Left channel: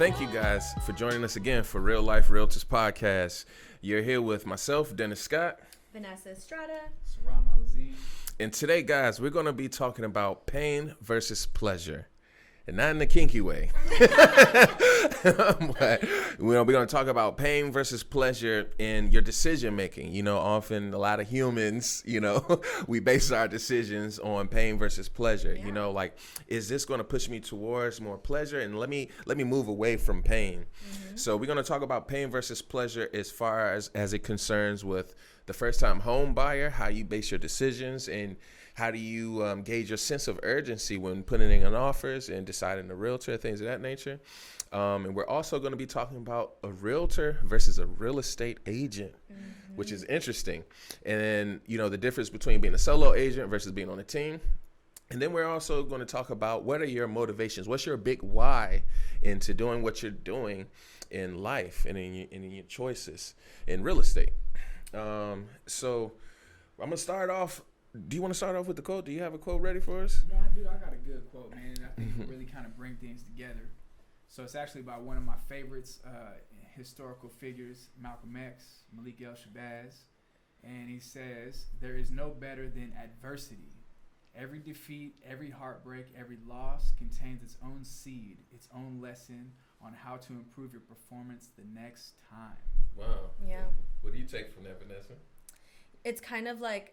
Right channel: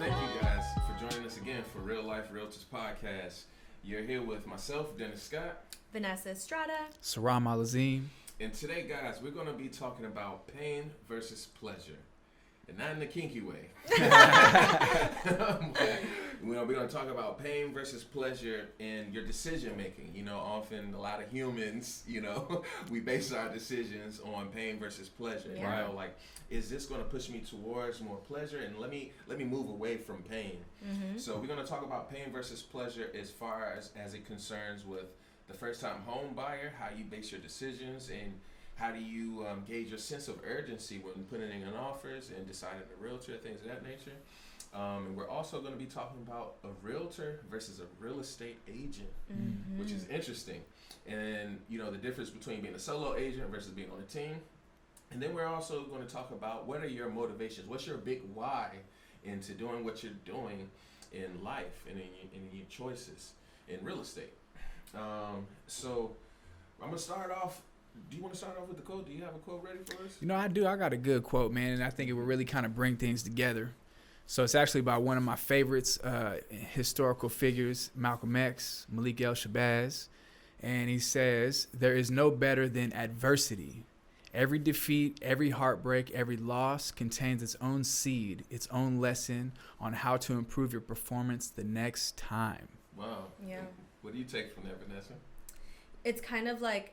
Thank you guys for joining us again for Real Life Realtors Podcast. You're here with myself, Dennis Scott. Vanessa Estrada. Sirrom Alizem. And today, guys, we're going to be talking about pain versus pleasure. And not in the kinky way. But, we're going to talk about pain versus pleasure in your decision making. You know, often a lot of humans, we base our decisions on pain versus pleasure. Yeah. You know, like, is this going to push me towards more pleasure? And let me move away from pain. Mm-hmm. So we're going to talk about pain versus pleasure as far as it concerns with the first time home buyer, how you base your decisions, and how do you gauge your sense of urgency when putting in offers and deciding a realtor, things of that nature. And we're also going to be talking about a realtor versus a real estate agent, mm-hmm. which is interesting. And then, the difference between being a solo agent versus being on a team. And then we're also going to talk about what are your motivations? What's your big why into doing what you're doing in life and in your choices in real estate. So I'm going to start off. Do you want to start off with the quote? Do you have a quote ready for us? I do. I got a good quote, man, and I think it will really kind of bring things together. So it's actually by one of my favorites, historical figures, Malcolm X, Malik El-Shabazz. And he says, "There is no better than adversity. Every defeat, every heartbreak, every loss contains its own seed, its own lesson on how to improve your performance the next time." Wow. Yeah. What do you take from that, Vanessa? It's kind of like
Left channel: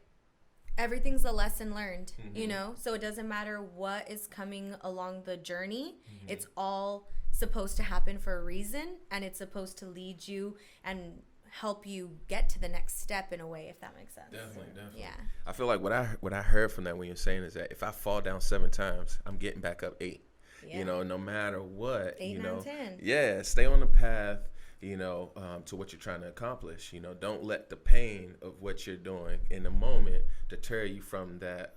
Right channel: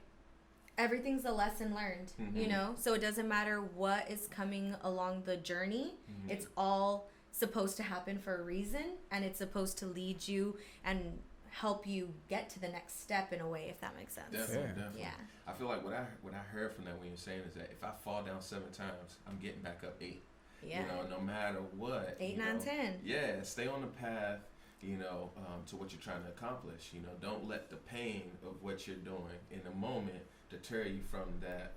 everything's a lesson learned, Mm-hmm. So it doesn't matter what is coming along the journey. Mm-hmm. It's all supposed to happen for a reason, and it's supposed to lead you and help you get to the next step in a way, if that makes sense. Definitely. Yeah. I feel like what I heard from that when you're saying is that if I fall down 7 times, I'm getting back up 8. Yeah. No matter what. 8, 9, 10. Yeah, stay on the path. To what you're trying to accomplish. Don't let the pain of what you're doing in the moment deter you from that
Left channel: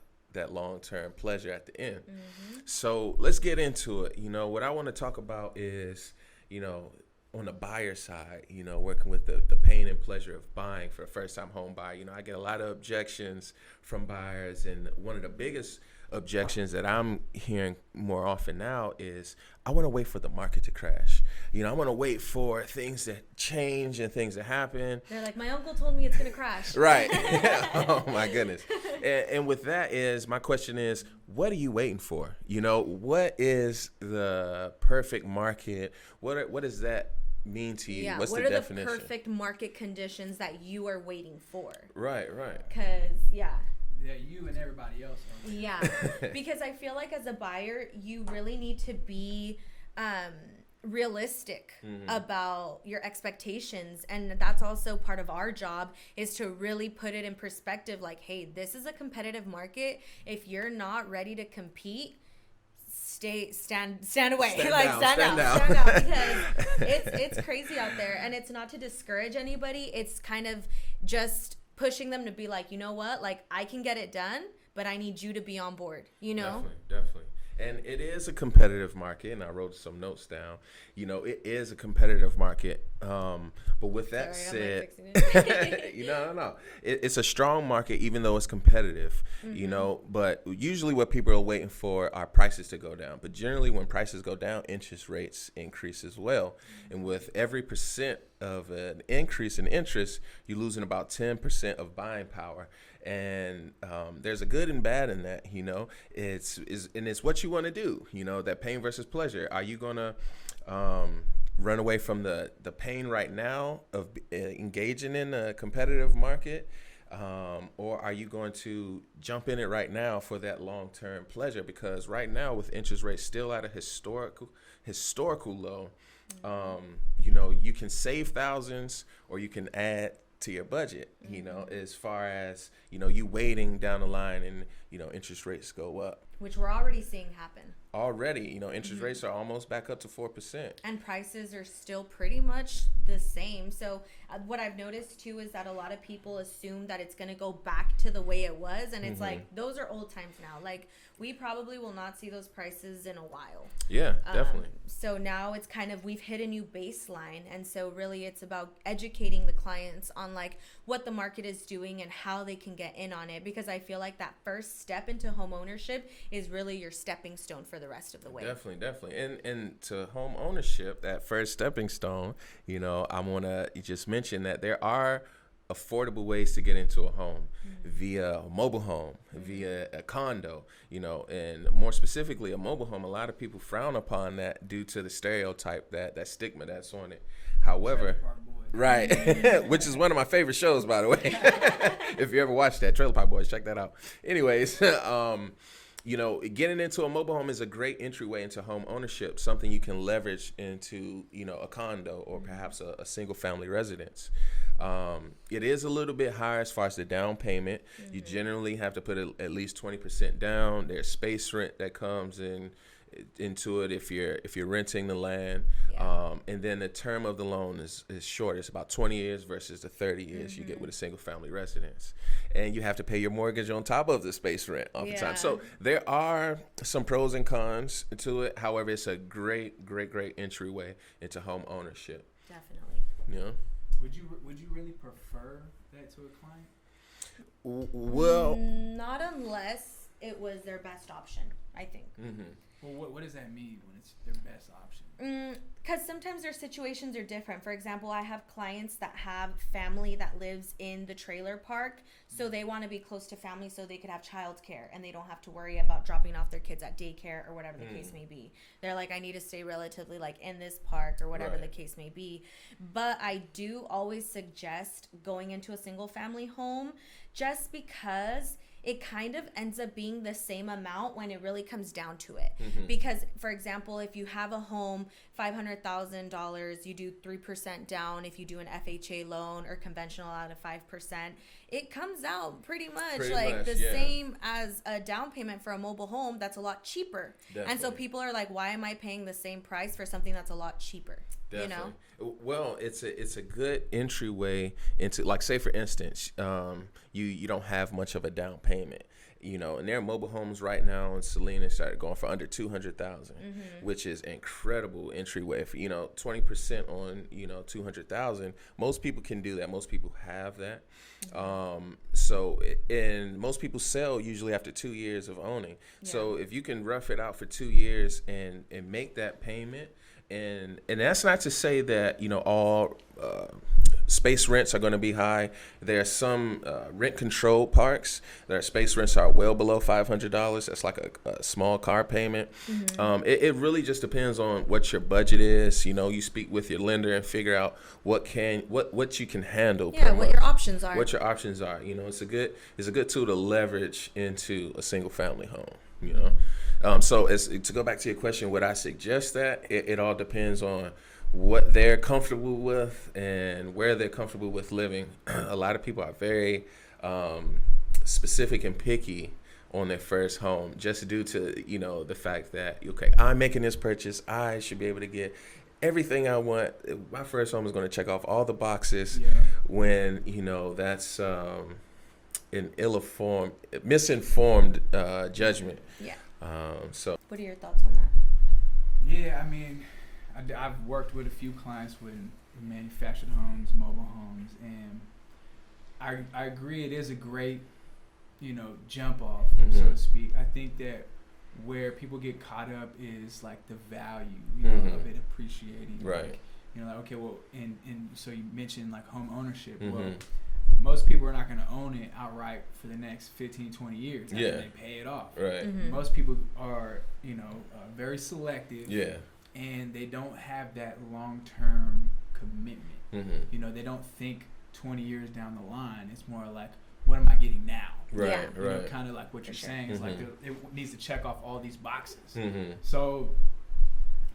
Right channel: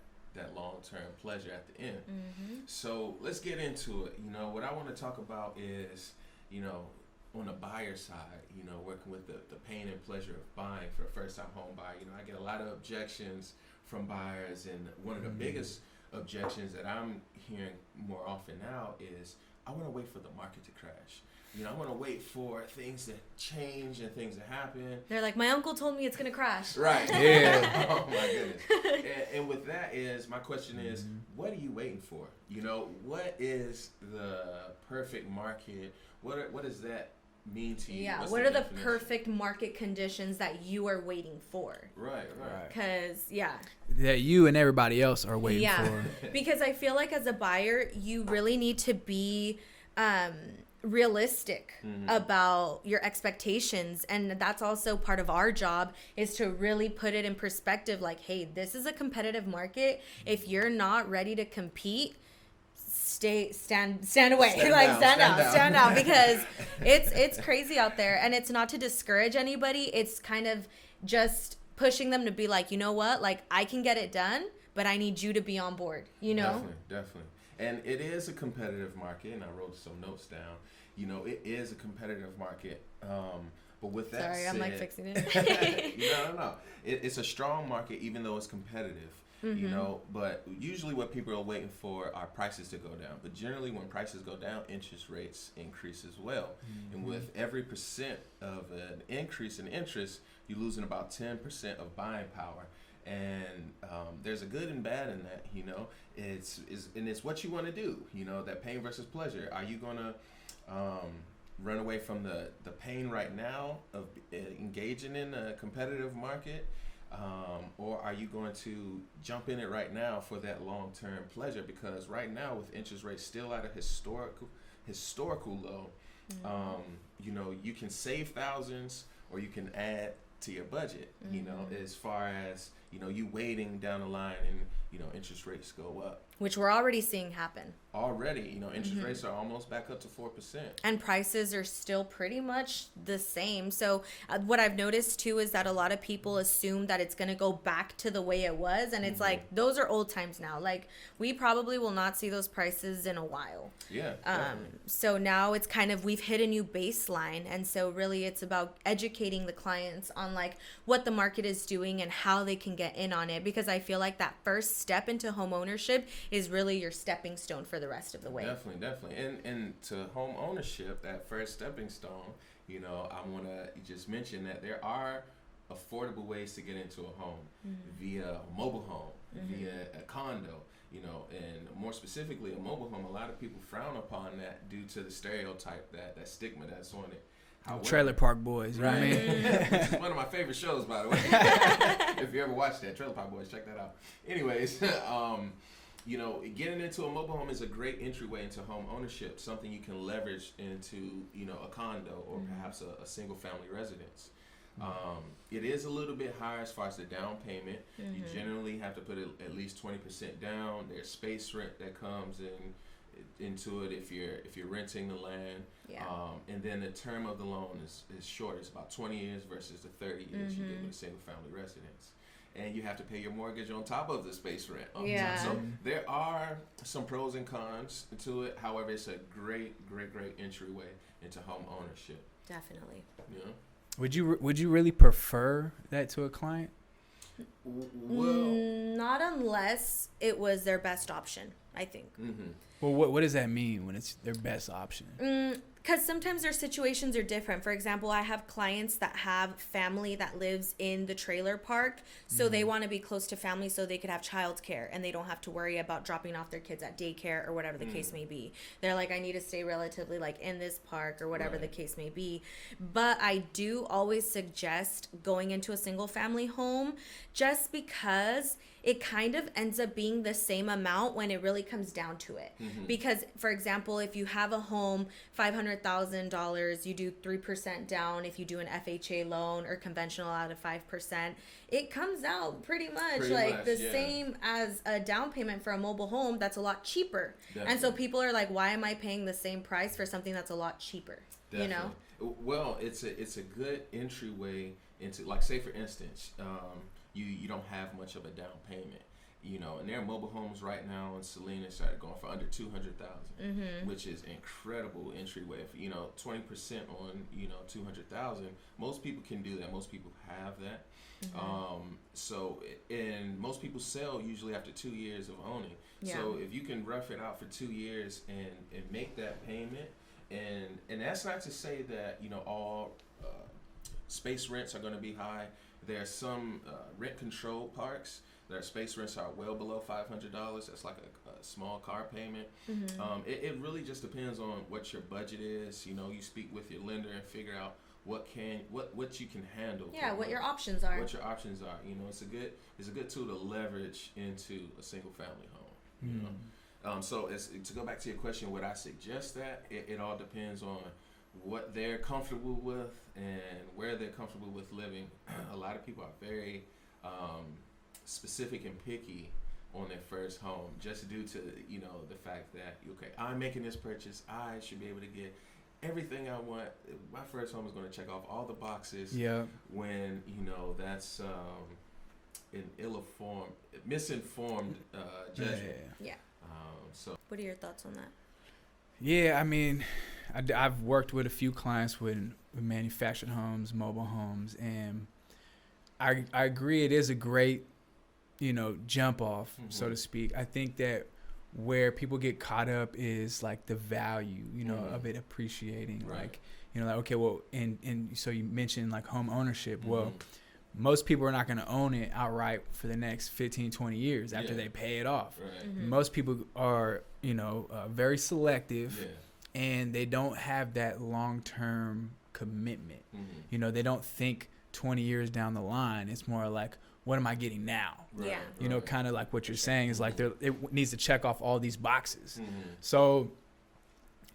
long-term pleasure at the end. Mm-hmm. So let's get into it. What I want to talk about is, on the buyer side, working with the pain and pleasure of buying for a first-time home buyer. I get a lot of objections from buyers, and one of the biggest objections that I'm hearing more often now is, I want to wait for the market to crash. I want to wait for things to change and things to happen. They're like, my uncle told me it's going to crash. Right. Yeah. Oh, my goodness. And with that my question is, what are you waiting for? What is the perfect market? What does that mean to you? Yeah. What's what the are definition? the perfect market conditions that you are waiting for? Right. Because, that you and everybody else are waiting for. Because I feel like as a buyer, you really need to be realistic about your expectations, and that's also part of our job, is to really put it in perspective, like, hey, this is a competitive market. If you're not ready to compete, stand away. Stand out because it's crazy out there. And it's not to discourage anybody, it's kind of just pushing them to be like, you know what, like, I can get it done, but I need you to be on board, Definitely. And it is a competitive market, and I wrote some notes down. It is a competitive market. But with that said, I'm like fixing it. No. It's a strong market, even though it's competitive. But usually what people are waiting for are prices to go down. But generally, when prices go down, interest rates increase as well. Mm-hmm. And with every % of an increase in interest, you're losing about 10% of buying power. And there's a good and bad in that, it's what you want to do, that pain versus pleasure. Are you going to run away from the pain right now of engaging in a competitive market? Or are you going to jump in it right now for that long-term pleasure? Because right now, with interest rates still at a historical low, you can save thousands or you can add to your budget, as far as, you waiting down the line and, interest rates go up. Which we're already seeing happen. Already, interest rates are almost back up to 4%. And prices are still pretty much the same. So what I've noticed too is that a lot of people assume that it's going to go back to the way it was. And it's like, those are old times now. Like, we probably will not see those prices in a while. Yeah, definitely. So now it's kind of, we've hit a new baseline. And so really it's about educating the clients on like what the market is doing and how they can get in on it, because I feel like that first step into home ownership is really your stepping stone for the rest of the way. Definitely. And to home ownership, that first stepping stone, I want to just mention that there are affordable ways to get into a home via a mobile home, via a condo, and more specifically a mobile home. A lot of people frown upon that due to the stereotype, that stigma that's on it. However, Trailer Park Boys, right? Which is one of my favorite shows, by the way. If you ever watched that, Trailer Park Boys, check that out. Anyways, getting into a mobile home is a great entryway into home ownership, something you can leverage into, a condo or perhaps a single family residence. It is a little bit higher as far as the down payment. You generally have to put at least 20% down. There's space rent that comes into it if you're renting the land. And then the term of the loan is short. It's about 20 years versus the 30 years you get with a single family residence. And you have to pay your mortgage on top of the space rent all the time. So there are some pros and cons to it. However, it's a great entryway into home ownership. Definitely. Would you really prefer that to a client? Well, not unless it was their best option, I think. Well, what does that mean when it's their best option? Because sometimes their situations are different. For example, I have clients that have family that lives in the trailer park, so they want to be close to family so they could have childcare and they don't have to worry about dropping off their kids at daycare or whatever the case may be. They're like, I need to stay relatively in this park or whatever the case may be. But I do always suggest going into a single family home, just because it kind of ends up being the same amount when it really comes down to it. Because, for example, if you have a home, $500,000, you do 3% down. If you do an FHA loan or conventional out of 5%, it comes out pretty much the same as a down payment for a mobile home that's a lot cheaper. Definitely. And so people are like, why am I paying the same price for something that's a lot cheaper? Definitely. Well, it's a good entryway into, say for instance, you don't have much of a down payment, and there are mobile homes right now in Salinas that are going for under $200,000, which is incredible entryway. For 20% on $200,000, most people can do that. Most people have that. And most people sell usually after 2 years of owning. So if you can rough it out for 2 years and make that payment. And that's not to say that, all space rents are going to be high. There are some rent-controlled parks. Their space rents are well below $500. That's like a small car payment. It really just depends on what your budget is. You speak with your lender and figure out what you can handle. Yeah, what your options are. What your options are. It's a good tool to leverage into a single-family home. So to go back to your question, would I suggest that? It all depends on what they're comfortable with and where they're comfortable with living. A lot of people are very specific and picky on their first home, just due to the fact that, okay, I'm making this purchase, I should be able to get everything I want. My first home is going to check off all the boxes. When that's an misinformed judgment. So what are your thoughts on that? Yeah, I mean, I've worked with a few clients with manufactured homes, mobile homes, and I agree it is a great, jump off, so to speak. I think that where people get caught up is the value, of it appreciating. Right. Okay, well, and so you mentioned home ownership. Well, most people are not going to own it outright for the next 15, 20 years after they pay it off. Right. Most people are, very selective. Yeah. And they don't have that long-term commitment. They don't think 20 years down the line. It's more like, what am I getting now? Right. Kind of like what you're saying is it needs to check off all these boxes. So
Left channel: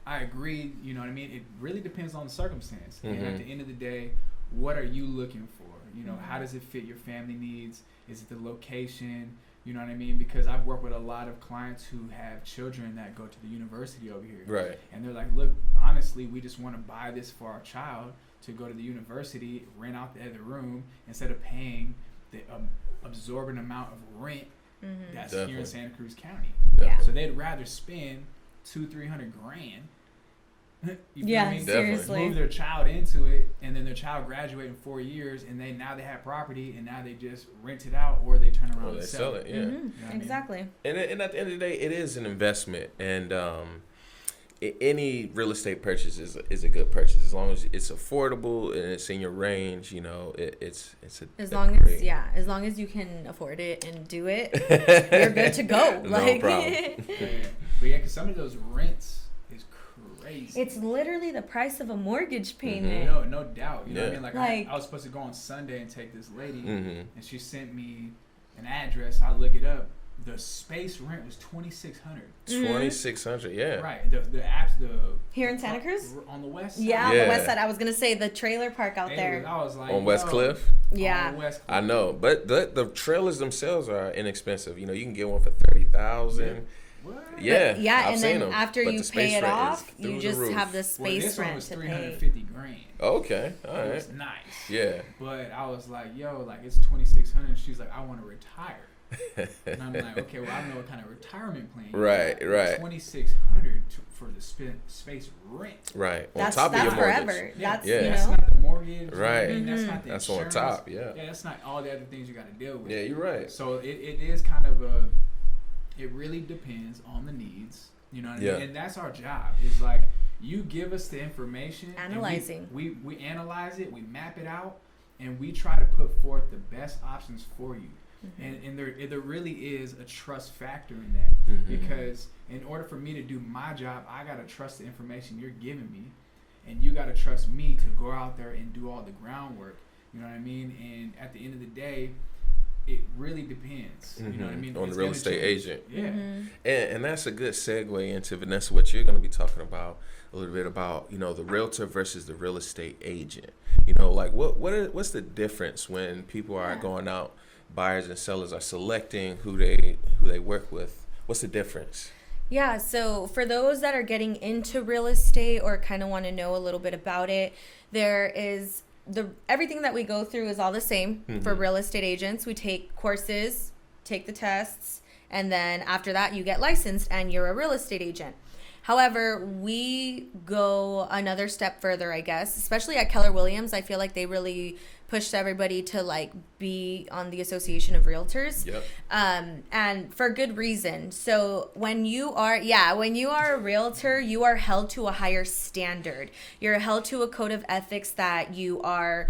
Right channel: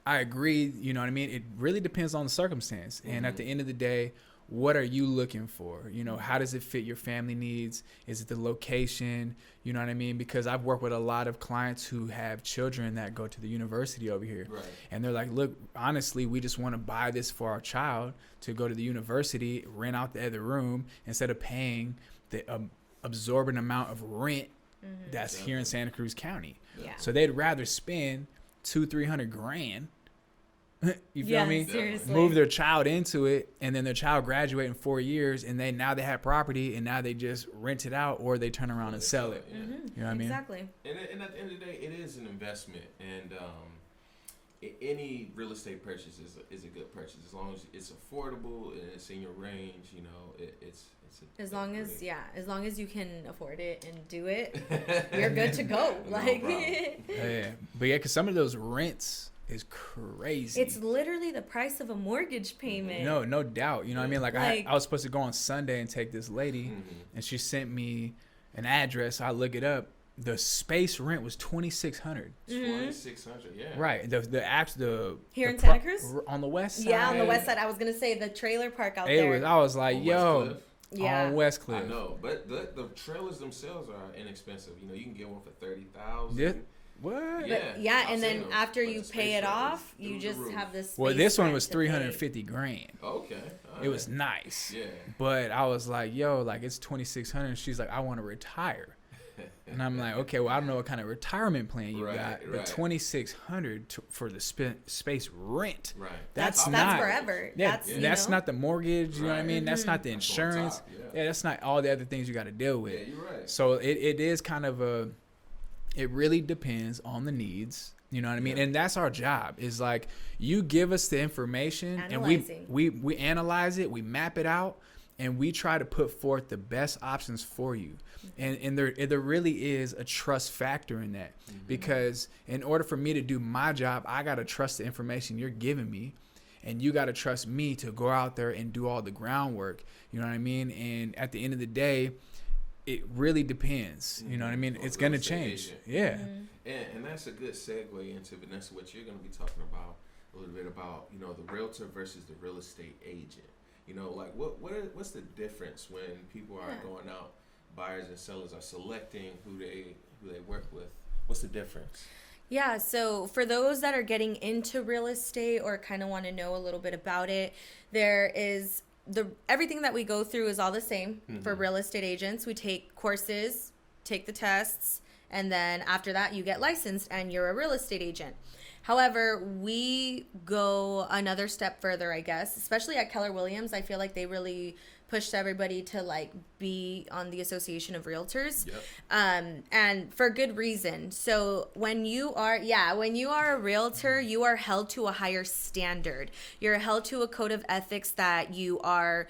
I agree. You know what I mean? It really depends on the circumstance. And at the end of the day, what are you looking for? How does it fit your family needs? Is it the location? You know what I mean? Because I've worked with a lot of clients who have children that go to the university over here. Right. And they're like, look, honestly, we just want to buy this for our child to go to the university, rent out the other room, instead of paying the absorbent amount of rent that's here in Santa Cruz County. Yeah. So they'd rather spend $200,000-$300,000 You feel Yeah, me? seriously. Move their child into it, and then their child graduate in 4 years, and now they have property, and now they just rent it out, or they turn around and sell it. Yeah. Mm-hmm. You know what I mean? Exactly. And at the end of the day, it is an investment, and any real estate purchase is a good purchase as long as it's affordable and it's in your range. You know, it's as long as you can afford it and do it, you're good to go. No Like, problem. Yeah. But yeah, because some of those rents is crazy. it's literally the price of a mortgage payment. No doubt. You know what I mean? Like, I was supposed to go on Sunday and take this lady, and she sent me an address. I look it up. The space rent was $2,600. 2,600. Yeah. Right. The Here in Santa Cruz? on the west side. Yeah, on the west side. I was gonna say the trailer park out there. I was like, On West Cliff. Yeah. On West Cliff. I know, but the trailers themselves are inexpensive. You know, you can get one for 30,000. Yeah. What? Yeah. Yeah, I've and seen then them. after But you the pay space it rent is off, through you the just roof. have the space. Well, this one rent was to pay. $350,000. Okay. All right. It was nice. Yeah. But I was like, yo, like it's $2,600. And she's like, I want to retire. And I'm like, okay, well, I don't know what kind of retirement plan you Right, got. right. $2,600 for the space rent. Right. That's On top of the forever. mortgage. That's Yeah. you That's know? not the mortgage. You know what I Right. mean? That's not the That's on insurance. top, yeah. That's not all the other things you got to deal with. Yeah, you're right. So it is kind of it really depends on the needs. You know what I mean? Yeah. And that's our job. Is like you give us the information, Analyzing. and we analyze it, we map it out, and we try to put forth the best options for you. And there really is a trust factor in that, because in order for me to do my job, I got to trust the information you're giving me, and you got to trust me to go out there and do all the groundwork. You know what I mean? And at the end of the day, it really depends. You know what I mean? On It's the real going to estate change. agent. Yeah. And that's a good segue into, Vanessa, what you're going to be talking about a little bit about, you know, the realtor versus the real estate agent. You know, like what's the difference when people are going out, buyers and sellers are selecting who they work with? What's the difference? Yeah, so for those that are getting into real estate or kind of want to know a little bit about it, there is everything that we go through is all the same for real estate agents. We take courses, take the tests, and then after that you get licensed and you're a real estate agent. However, we go another step further, I guess, especially at Keller Williams. I feel like they really pushed everybody to like be on the Association of Realtors. Yep. And for good reason. So when you are a realtor, you are held to a higher standard. You're held to a code of ethics that you are,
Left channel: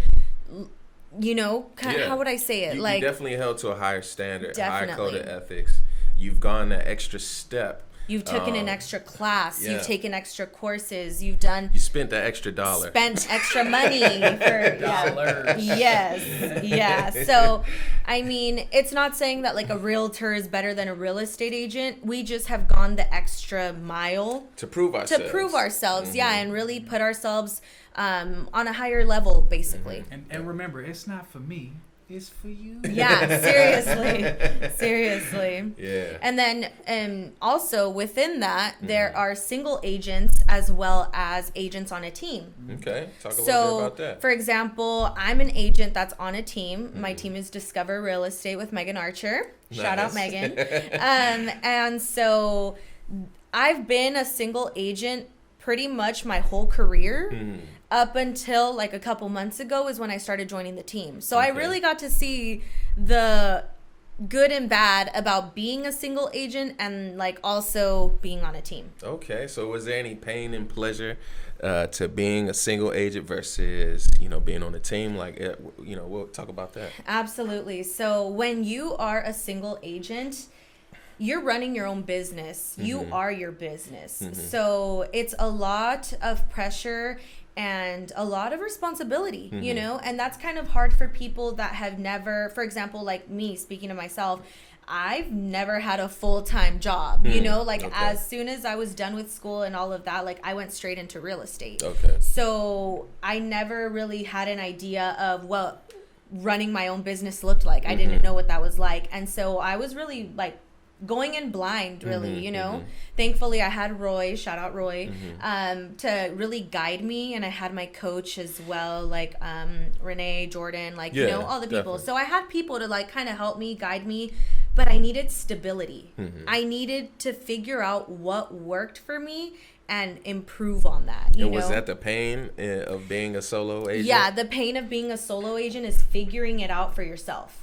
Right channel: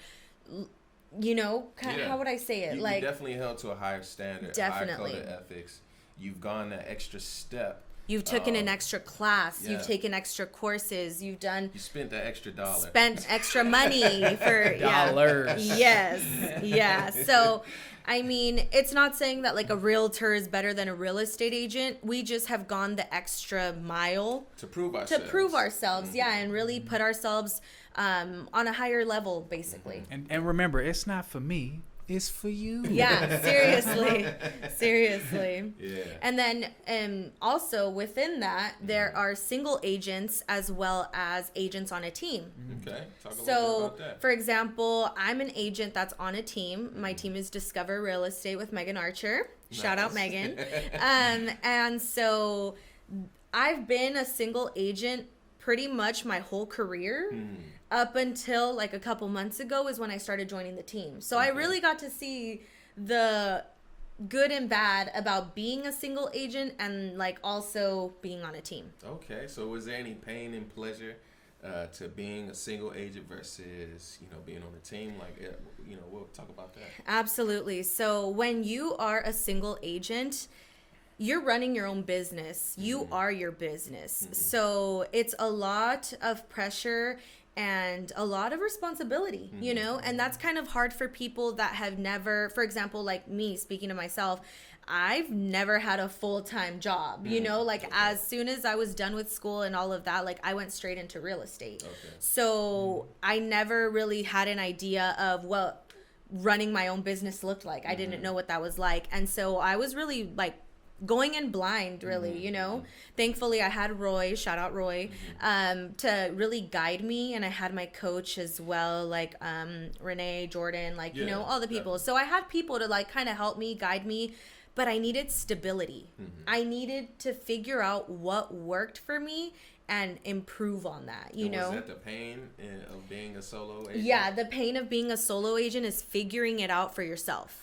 you know, how would I say it? You Like definitely held to a higher standard, Definitely. higher code of ethics. You've gone that extra step. you've taken an extra class, yeah. you've taken extra courses, you spent that extra dollar. spent extra money for Dollars. Yeah. So, I mean, it's not saying that like a realtor is better than a real estate agent. We just have gone the extra mile to prove ourselves. Yeah, and really put ourselves on a higher level, basically. And remember, it's not for me. It's for you. Yeah, seriously. Yeah. And then also within that, there are single agents as well as agents on a team. Okay. Talk a little bit So, about that. for example, I'm an agent that's on a team. My team is Discover Real Estate with Megan Archer. Shout out Nice. Megan. And so I've been a single agent pretty much my whole career. Up until like a couple months ago is when I started joining the team. So I really got to see the good and bad about being a single agent and like also being on a team. Okay. So was there any pain and pleasure to being a single agent versus, you know, being on a team? Like, you know, we'll talk about that. Absolutely. So when you are a single agent, you're running your own business. You are your business. So it's a lot of pressure and a lot of responsibility, you know, and that's kind of hard for people that have never, for example, like me, speaking to myself, I've never had a full-time job, you know, like as soon as I was done with school and all of that, like I went straight into real estate. Okay. So I never really had an idea of what running my own business looked like. I didn't know what that was like. And so I was really like going in blind, really, you know. Thankfully I had Roy, shout out Roy, to really guide me, and I had my coach as well, like Renee, Jordan, like you know, all the people. Definitely. So I had people to like kind of help me, guide me, but I needed stability. I needed to figure out what worked for me and improve on that. You and know? Was that the pain of being a solo agent? Yeah, the pain of being a solo agent is figuring it out for yourself.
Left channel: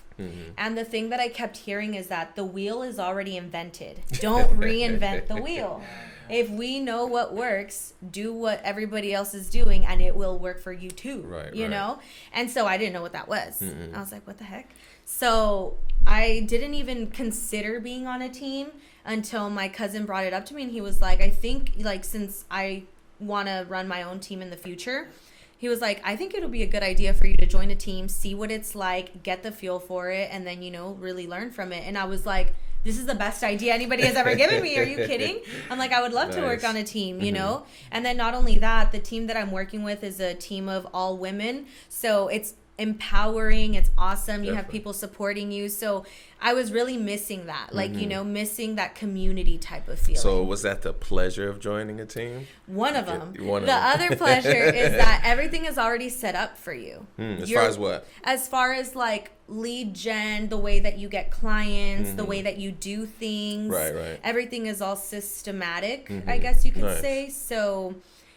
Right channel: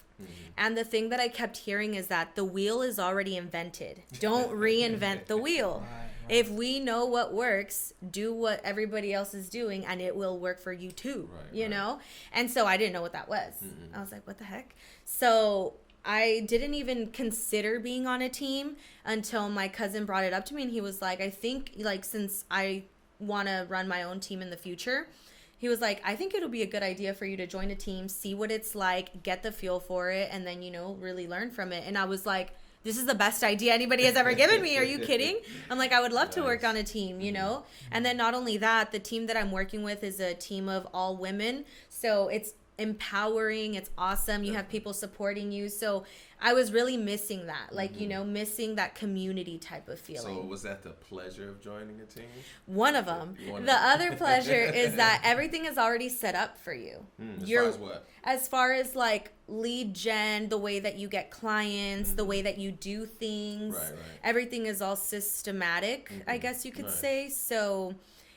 And the thing that I kept hearing is that the wheel is already invented. Don't reinvent the wheel. If we know what works, do what everybody else is doing, and it will work for you too. You know? And so I didn't know what that was. I was like, what the heck? So I didn't even consider being on a team until my cousin brought it up to me, and he was like, I think, like, since I want to run my own team in the future, he was like, I think it'll be a good idea for you to join a team, see what it's like, get the feel for it, and then, you know, really learn from it. And I was like, this is the best idea anybody has ever given me. Are you kidding? I'm like, I would love to work on a team, you know? And then not only that, the team that I'm working with is a team of all women. So it's empowering. It's awesome. You have people supporting you. So I was really missing that, like, you know, missing that community type of feeling. So was that the pleasure of joining a team? One of them. The other pleasure is that everything is already set up for you. As far as what? As far as like lead gen, the way that you get clients, the way that you do things. Right. Everything is all systematic, I guess you could say. So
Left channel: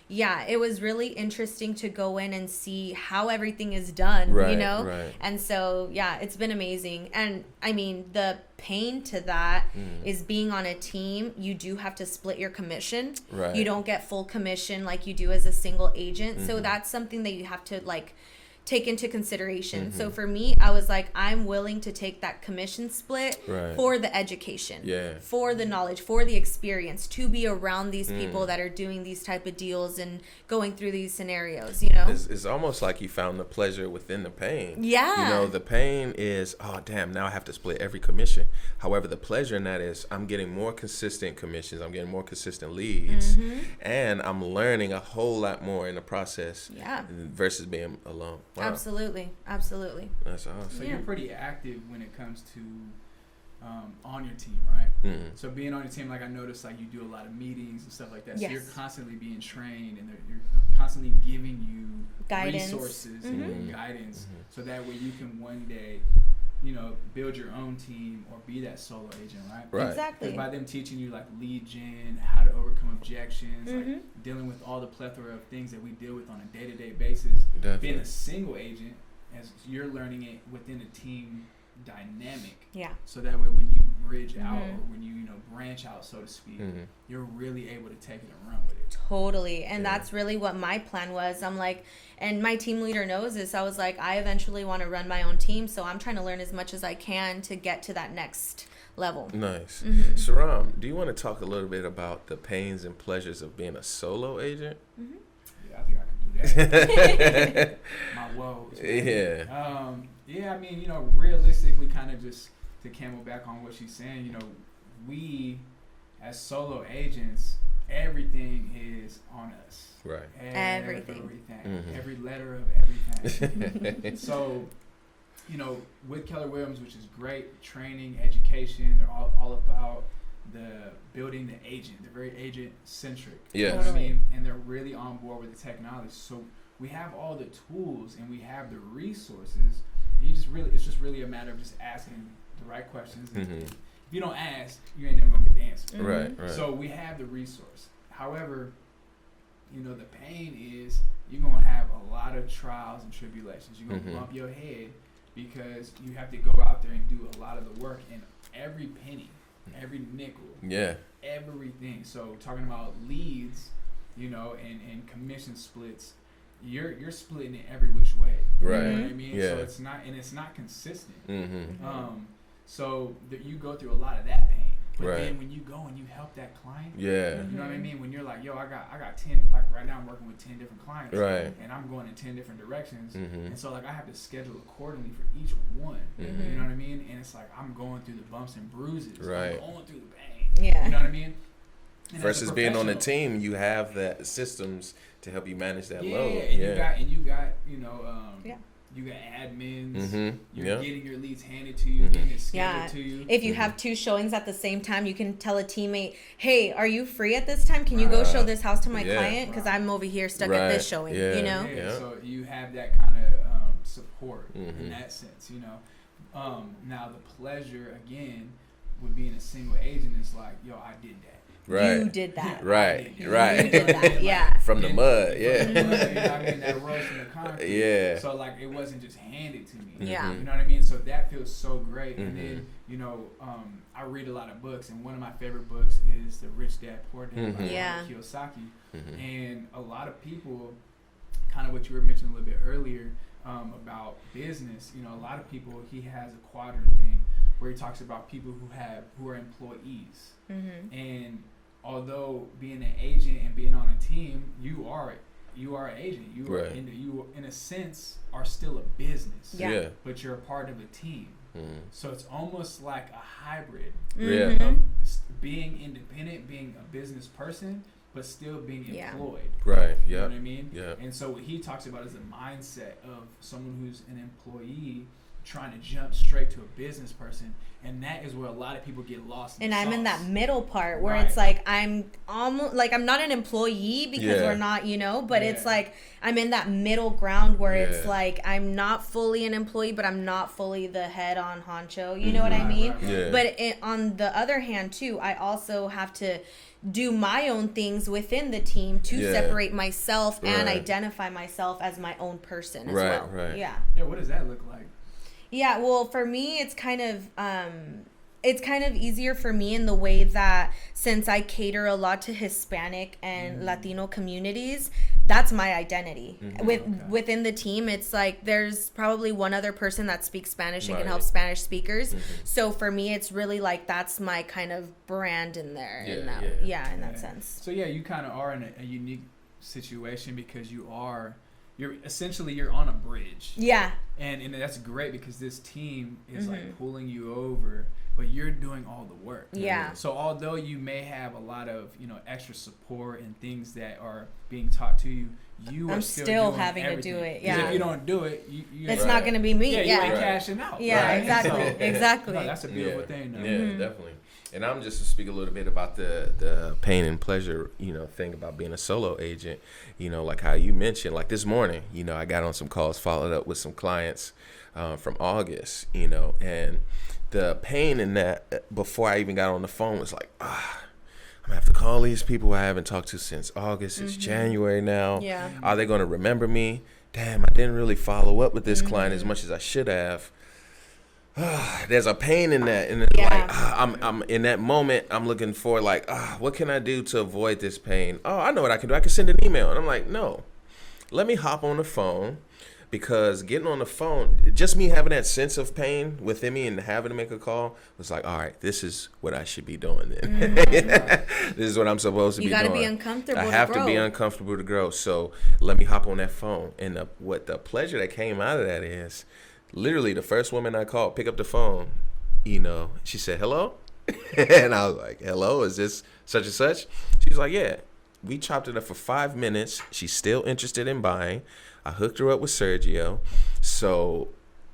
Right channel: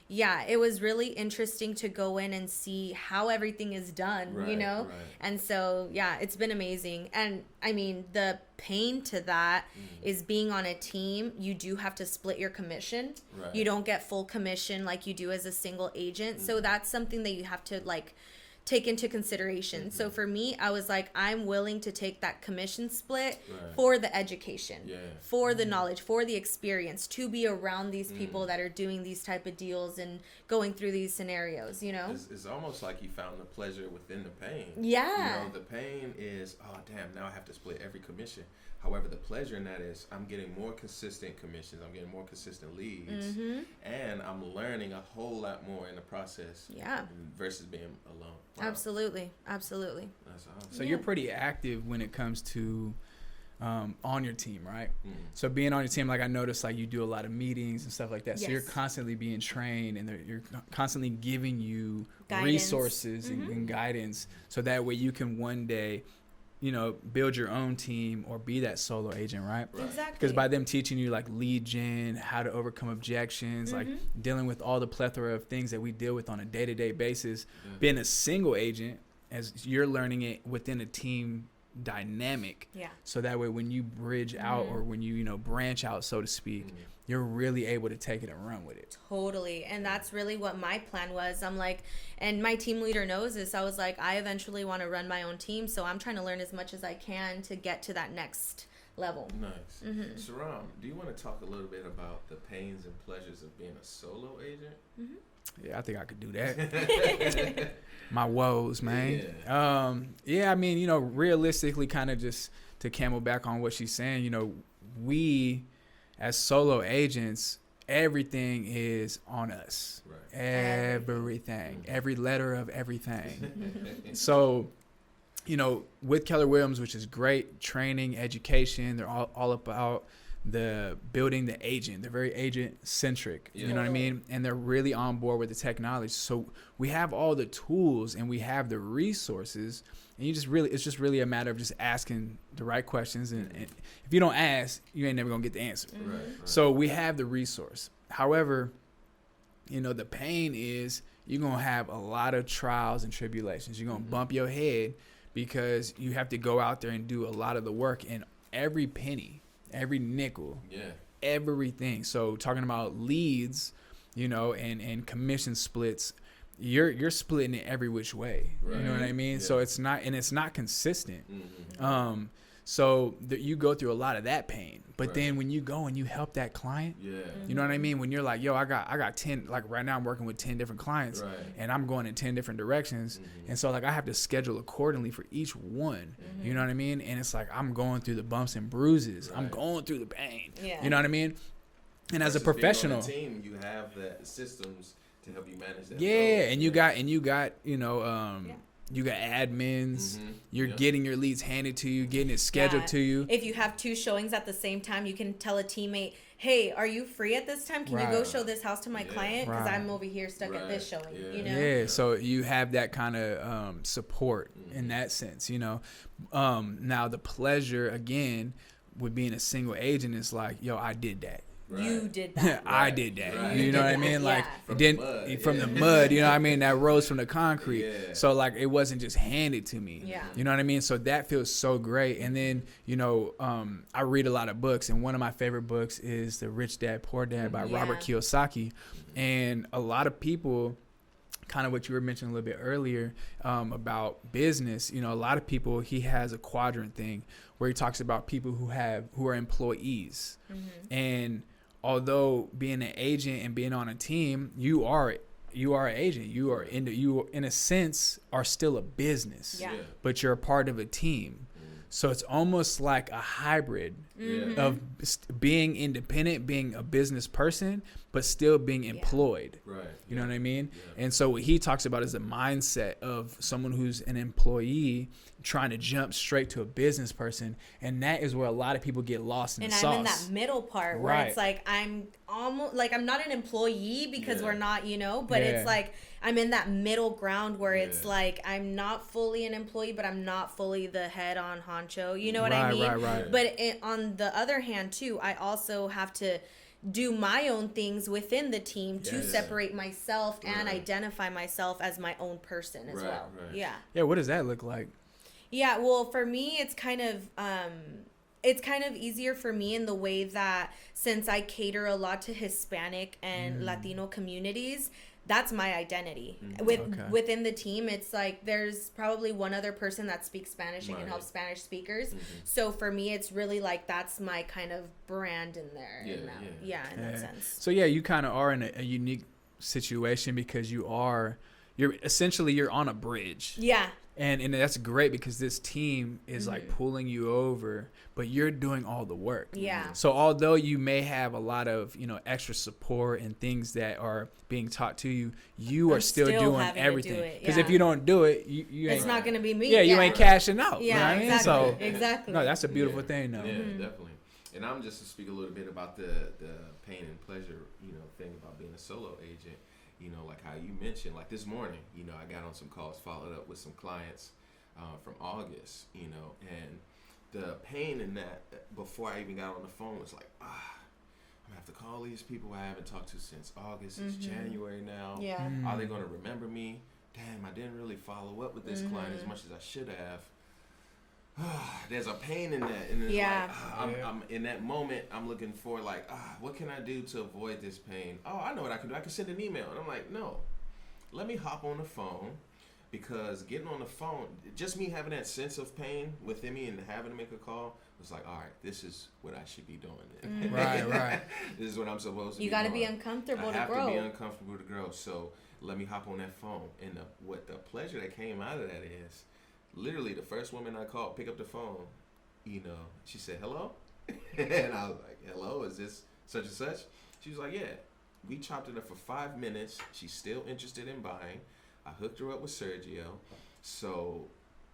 yeah, it was really interesting to go in and see how everything is done, you know? And so, yeah, it's been amazing. And I mean, the pain to that is being on a team. You do have to split your commission. You don't get full commission like you do as a single agent. So that's something that you have to like take into consideration. So for me, I was like, I'm willing to take that commission split for the education, for the knowledge, for the experience, to be around these people that are doing these type of deals and going through these scenarios, you know? It's almost like you found the pleasure within the pain. Yeah. You know, the pain is, oh, damn, now I have to split every commission. However, the pleasure in that is I'm getting more consistent commissions. I'm getting more consistent leads. And I'm learning a whole lot more in the process versus being alone. Wow. Absolutely. That's awesome. So you're pretty active when it comes to on your team, right? So being on your team, like I noticed, like you do a lot of meetings and stuff like that. So you're constantly being trained, and you're constantly giving you resources and guidance, so that way you can one day, you know, build your own team or be that solo agent, right? Exactly. Because by them teaching you like lead gen, how to overcome objections, like dealing with all the plethora of things that we deal with on a day-to-day basis, being a single agent, as you're learning it within a team dynamic. So that way when you bridge out or when you know, branch out, so to speak, you're really able to take it and run with it. Totally. And that's really what my plan was. I'm like, and my team leader knows this. I was like, I eventually want to run my own team, so I'm trying to learn as much as I can to get to that next level. Nice. Sirrom, do you want to talk a little bit about the pains and pleasures of being a solo agent? Yeah, I think I could do that. My woes, man. Yeah, I mean, you know, realistically, kind of just to camel back on what she's saying, you know, we as solo agents, everything is on us. Everything. Every letter of everything. So, you know, with Keller Williams, which is great, training, education, they're all about the building the agent. They're very agent centric. You know what I mean? And they're really on board with the technology. So we have all the tools and we have the resources, and it's just really a matter of just asking the right questions. And if you don't ask, you ain't never gonna get the answer. Right. So we have the resource. However, you know, the pain is you're gonna have a lot of trials and tribulations. You're gonna bump your head because you have to go out there and do a lot of the work, and every penny, every nickel, everything. So talking about leads, you know, and commission splits, you're splitting it every which way. You know what I mean? So it's not consistent. So you go through a lot of that pain. But then when you go and you help that client, you know what I mean? When you're like, yo, I got 10, like right now I'm working with 10 different clients, and I'm going in 10 different directions. And so like I have to schedule accordingly for each one, you know what I mean? And it's like, I'm going through the bumps and bruises. I'm going through the pain, you know what I mean? And versus as a professional, being on the team, you have the systems to help you manage that load. And you got, you know, you got admins. You're getting your leads handed to you, getting it scheduled to you. If you have 2 showings at the same time, you can tell a teammate, hey, are you free at this time? Can you go show this house to my client? Because I'm over here stuck at this showing, you know? So you have that kind of support in that sense, you know? Now, the pleasure, again, with being a single agent is like, yo, I did that. Right. You did that. Right. I did that. Right. You know what I mean? Like, Yeah. From the mud. Yeah. From the mud, you know what I mean? That rose from the concrete. Yeah. So, like, it wasn't just handed to me. Yeah. You know what I mean? So that feels so great. And then, you know, I read a lot of books, and one of my favorite books is The Rich Dad, Poor Dad by Yeah. Robert Kiyosaki. And a lot of people, kind of what you were mentioning a little bit earlier about business, you know, a lot of people, he has a quadrant thing where he talks about people who are employees. And although being an agent and being on a team, you are an agent. You are in a sense are still a business. Yeah. But you're a part of a team. So it's almost like a hybrid Yeah. of being independent, being a business person, but still being employed. Right. You Yeah. know what I mean? Yeah. And so what he talks about is the mindset of someone who's an employee trying to jump straight to a business person, and that is where a lot of people get lost in And the I'm sauce. in that middle part where Right. it's like I'm almost like I'm not an employee because we're not, you know, but it's like I'm in that middle ground where it's like I'm not fully an employee, but I'm not fully the head on honcho. You know what I mean? Right. Yeah. But on the other hand, too, I also have to do my own things within the team to Yeah. separate myself and Right. identify myself as my own person as Right, well. right. Yeah. Yeah, what does that look like? Yeah, well, for me, it's kind of easier for me in the way that since I cater a lot to Hispanic and Latino communities, that's my identity. Within the team, it's like there's probably one other person that speaks Spanish and can help Spanish speakers. So for me, it's really like that's my kind of brand in there. In that sense. So yeah, you kind of are in a unique situation because you're on a bridge. Yeah. And that's great because this team is like pulling you over, but you're doing all the work. Yeah. So although you may have a lot of, you know, extra support and things that are being taught to you, you are still doing having everything. to do it. Because Yeah. if you don't do it, you It's not going to be me. you ain't cashing out. Yeah, right? exactly. So, Exactly. no, that's a beautiful thing, though. Yeah, definitely. And I'm just to speak a little bit about the pain and pleasure, you know, thing about being a solo agent. You know, like how you mentioned, like this morning, you know, I got on some calls, followed up with some clients from August, you know, and the pain in that before I even got on the phone was like, I'm gonna have to call these people I haven't talked to since August. It's January now. Yeah. Are they going to remember me? Damn, I didn't really follow up with this client as much as I should have. There's a pain in that, and it's like I'm in that moment. I'm looking for like, what can I do to avoid this pain? Oh, I know what I can do. I can send an email, and I'm like, no, let me hop on the phone, because getting on the phone, just me having that sense of pain within me and having to make a call was like, all right, this is what I should be doing. Then. Right. This is what I'm supposed to be doing. You got to be uncomfortable. I have to be uncomfortable to grow. So let me hop on that phone, and what the pleasure that came out of that is. Literally, the first woman I called, pick up the phone, you know, she said, hello? And I was like, hello, is this such and such? She was like, yeah. We chopped it up for 5 minutes. She's still interested in buying. I hooked her up with Sergio. So,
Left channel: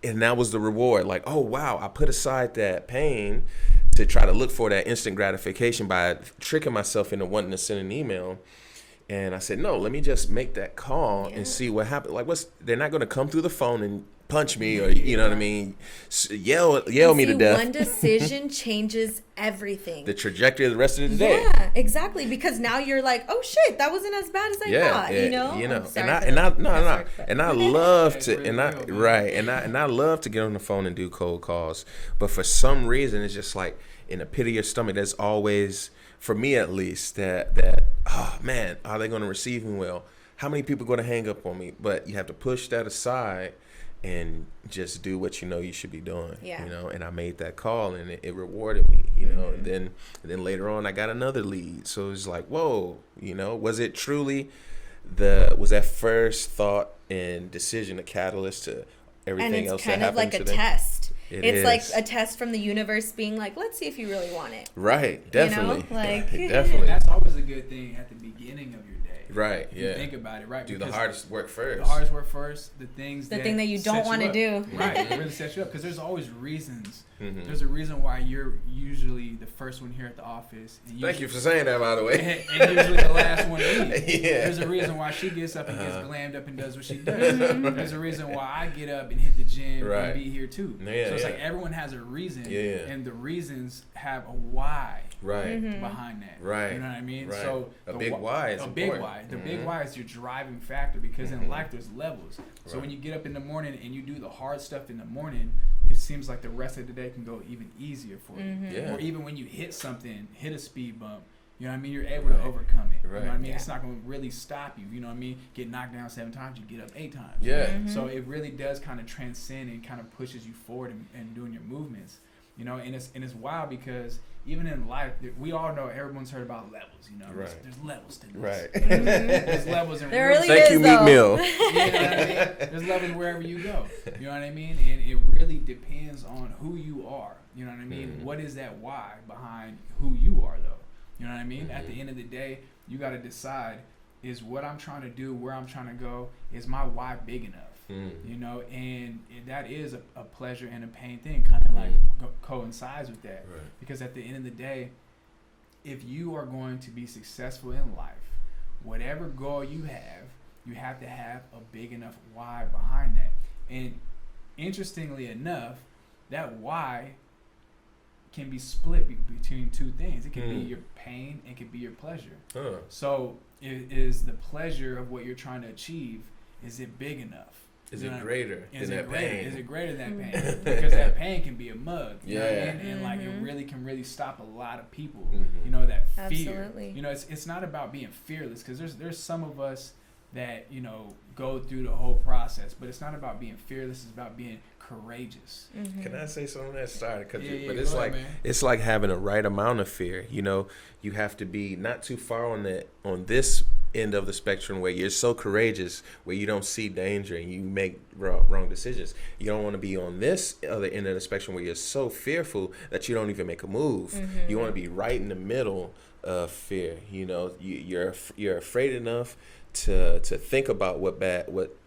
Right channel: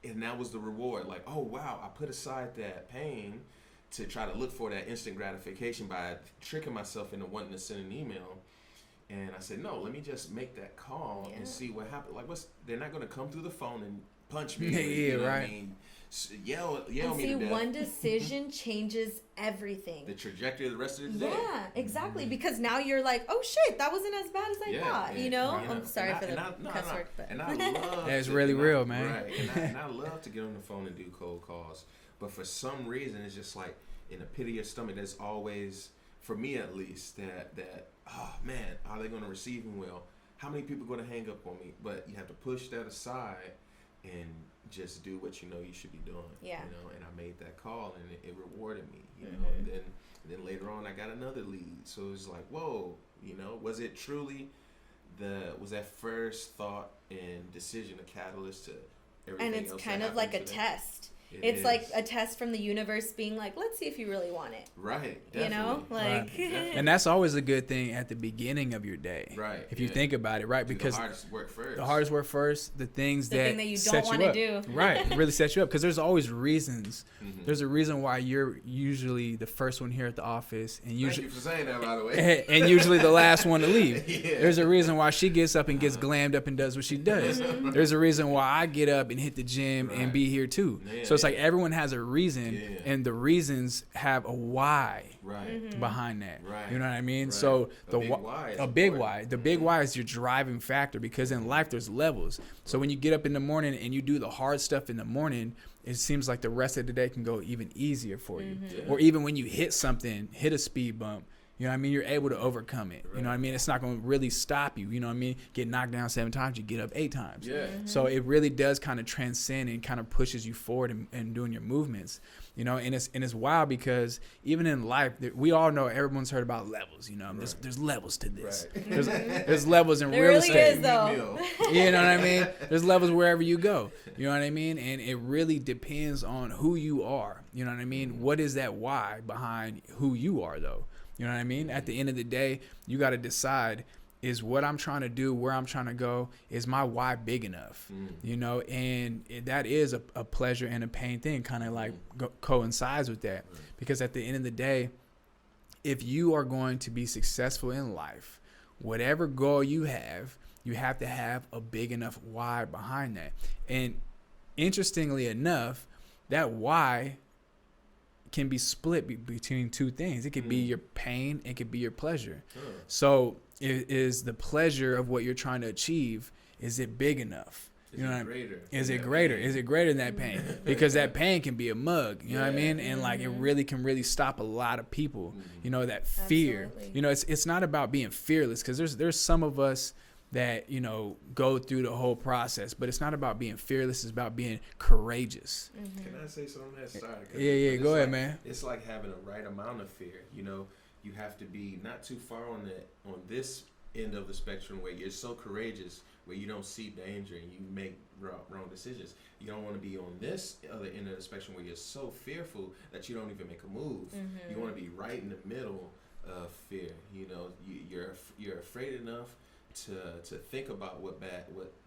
and that was the reward. Like, oh, wow, I put aside that pain to try to look for that instant gratification by tricking myself into wanting to send an email. And I said, no, let me just make that call and see what happens. Like, they're not going to come through the phone and punch me or you know what I mean, yell me to death. One decision changes everying. The trajectory of the rest of the day. Yeah, exactly. Because now you're like, oh shit, that wasn't as bad as I thought. You know. I'm sorry And I love It's to, really and real, man. right, and I love to get on the phone and do cold calls, but for some reason it's just like in the pit of your stomach. There's always, for me at least, that oh man, are they going to receive me well? How many people are going to hang up on me? But you have to push that aside and just do what you know you should be doing. Yeah. You know, and I made that call, and it rewarded me, you know, and then later on I got another lead. So it was like, whoa, you know, was it truly was that first thought and decision a catalyst to everything else that happened? And it's kind of like a today? test. It's is. like a test from the universe being like, let's see if you really want it. Right, definitely. You know? Like, right, definitely. And that's always a good thing at the beginning of your day. Right. If you think about it, right? Do because the hardest work first. the hardest work first, the thing that you set don't want to up. do. Right. It really sets you up because there's always reasons. Mm-hmm. There's a reason why you're usually the first one here at the office. And Thank you for saying that, by the way. And usually the last one to leave. Yeah. There's a reason why she gets up and gets glammed up and does what she does. There's a reason why I get up and hit the gym and be here too. Yeah, so it's like everyone has a reason, and the reasons have a why behind that. Right. You know what I mean? Right. So a big why is big why. The big why is your driving factor, because in life there's levels. So when you get up in the morning and you do the hard stuff in the morning, it seems like the rest of the day can go even easier for you. Or even when you hit a speed bump, you know what I mean? You're able to overcome it. You know what I mean? It's not going to really stop you. You know what I mean? Get knocked down 7 times, you get up 8 times. Yeah. So it really does kind of transcend and kind of pushes you forward and doing your movements. You know, and it's wild because even in life, we all know, everyone's heard about levels. You know, there's levels to this. Right. There's levels in There real really estate. is, You meet Mill. You know what I mean? There's levels wherever you go. You know what I mean? And it really depends on who you are. You know what I mean? What is that why behind who you are, though? You know what I mean? At the end of the day, you got to decide, is what I'm trying to do, where I'm trying to go, is my why big enough? You know, and that is a pleasure and a pain thing, kind of like coincides with that. Right. Because at the end of the day, if you are going to be successful in life, whatever goal you have to have a big enough why behind that. And interestingly enough, that why can be split between 2 things. It could be your pain, it could be your pleasure. So is the pleasure of what you're trying to achieve, is it big enough? Is it greater? Is it greater? Is it greater than that pain? Because that pain can be a mug, you know what I mean? And like it really can stop a lot of people. You know, that fear. Absolutely. You know, it's not about being fearless, because there's some of us that, you know, go through the whole process, but it's not about being fearless, it's about being courageous. Can I say something that started? Yeah, go ahead, man. It's like having a right amount of fear. You know, you have to be not too far on this end of the spectrum where you're so courageous, where you don't see danger and you make wrong decisions. You don't want to be on this other end of the spectrum where you're so fearful that you don't even make a move. You want to be right in the middle of fear. You know, you're afraid enough to think about what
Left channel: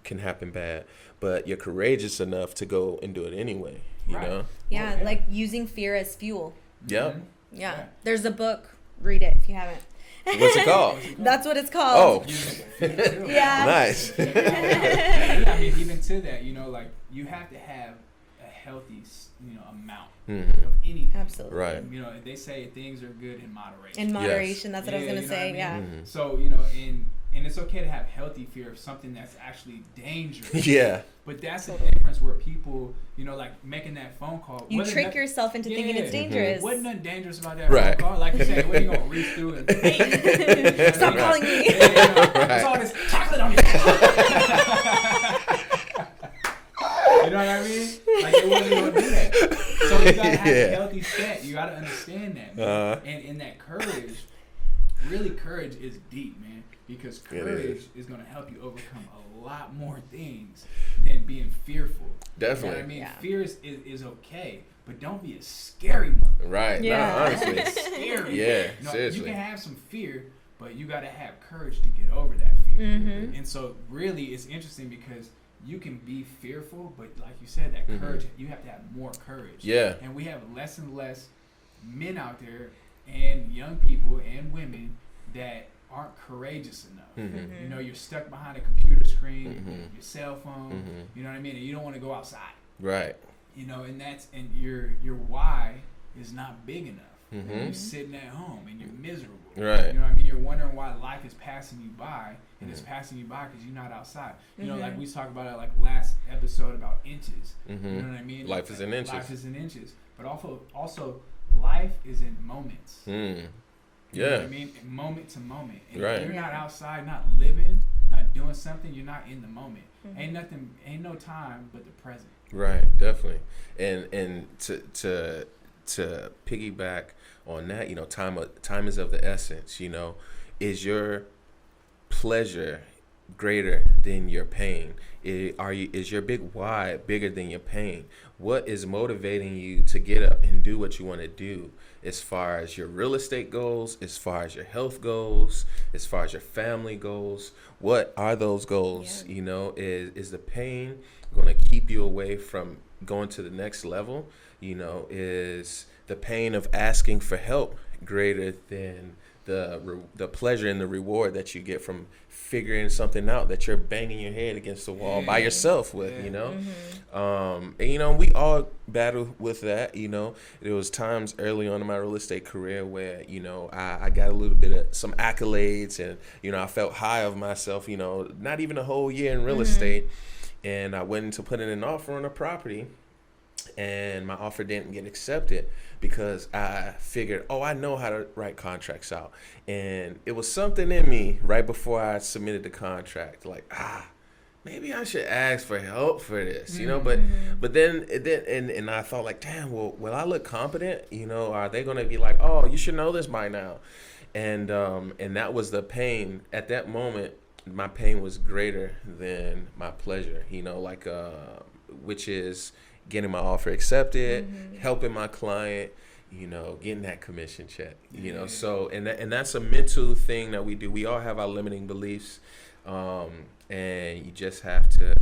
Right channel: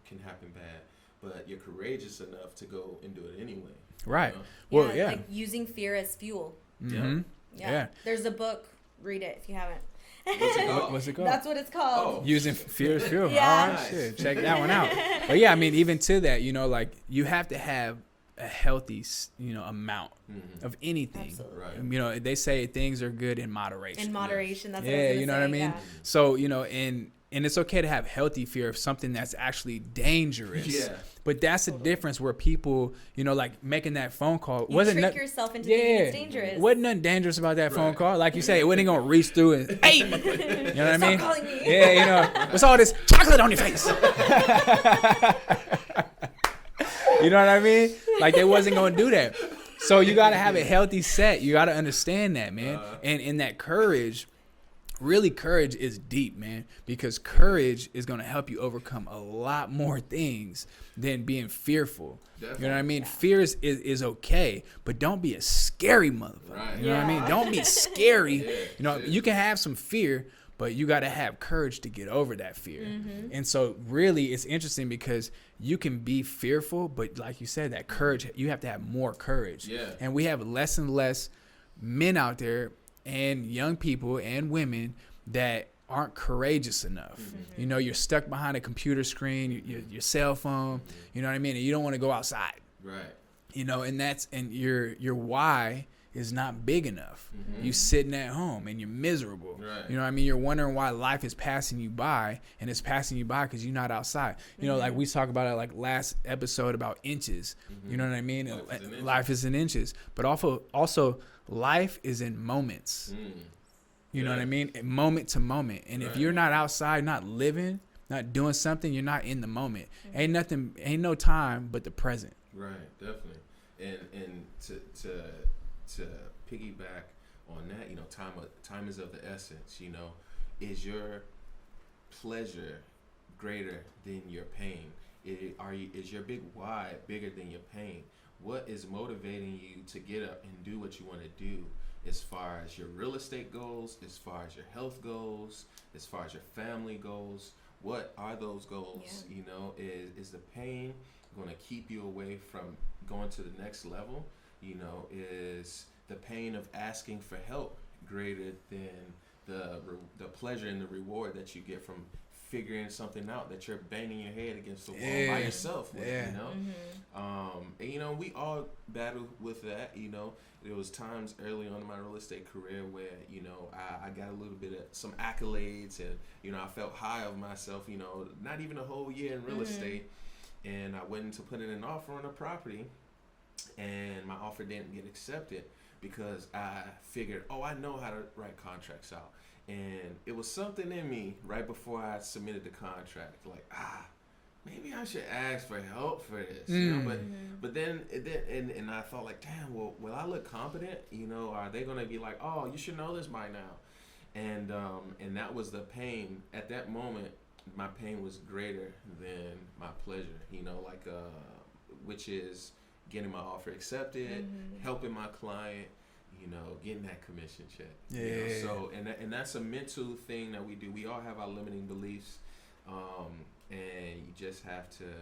can happen bad, but you're courageous enough to go and do it anyway. Right. Know? Yeah, like using fear as fuel. Yeah. There's a book. Read it if you haven't. What's it called? That's what it's called. Oh, using fear. Yeah. Nice. Check that one out. But yeah, I mean, even to that, you know, like you have to have a healthy, you know, amount of anything. Absolutely. Right. You know, they say things are good in moderation. In moderation, that's what I was going to you know say. what I mean? Yeah. So, you know, and it's okay to have healthy fear of something that's actually dangerous. Yeah. But that's the difference where people, you know, like making that phone call. You trick yourself into thinking it's dangerous. Wasn't nothing dangerous about that phone call. Like you say, it wasn't going to reach through it. Hey, you know Stop calling me. Yeah, you know, it's all this chocolate on your face. You know what I mean? Like it wasn't going to do that. So you got to have a healthy set. You got to understand that, man. And in that courage, really courage is deep, man, because courage is going to help you overcome a lot more things than being fearful. Definitely. You know what I mean? Yeah. Fear is okay, but don't be a scary mother. Right. You know what I mean? Yeah. Don't be scary. Yeah, You know, seriously. you can have some fear, but you got to have courage to get over that fear. And so really it's interesting because you can be fearful, but like you said, that courage, you have to have more courage. Yeah. And we have less and less men out there and young people and women that aren't courageous enough. You know, you're stuck behind a computer screen, your cell phone, you know what I mean? And you don't want to go outside. Right. You know, and your why is not big enough. You sitting at home and you're miserable. Right. You know what I mean? You're wondering why life is passing you by, and it's passing you by because you're not outside. You know, like we talked about it like last episode about inches. You know what I mean? Life is in inches. Life is in inches. But also life is in moments. You know what I mean? Moment to moment. And if you're not outside, not living, not doing something, you're not in the moment. Ain't no time but the present. Right, definitely. And to piggyback on that, you know, time is of the essence. You know, is your pleasure greater than your pain? Is your big why bigger than your pain? What is motivating you to get up and do what you want to do? As far as your real estate goals, as far as your health goals, as far as your family goals, what are those goals? You know, is the pain going to keep you away from going to the next level? You know, is the pain of asking for help greater than the pleasure and the reward that you get from figuring something out that you're banging your head against the wall by yourself with, you know. And you know, we all battle with that. You know, there was times early on in my real estate career where, you know, I got a little bit of some accolades, and you know, I felt high of myself, you know, not even a whole year in real estate, and I went into putting an offer on a property, and my offer didn't get accepted because I figured, I know how to write contracts out. And it was something in me right before I submitted the contract, like, maybe I should ask for help for this, you know. But then I thought, like, damn, will I look competent? You know, are they gonna be like, oh, you should know this by now? And that was the pain at that moment. My pain was greater than my pleasure, you know, like which is getting my offer accepted, helping my client, you know, getting that commission check, you know. So, and that's a mental thing that we do. We all have our limiting beliefs, and you just have to,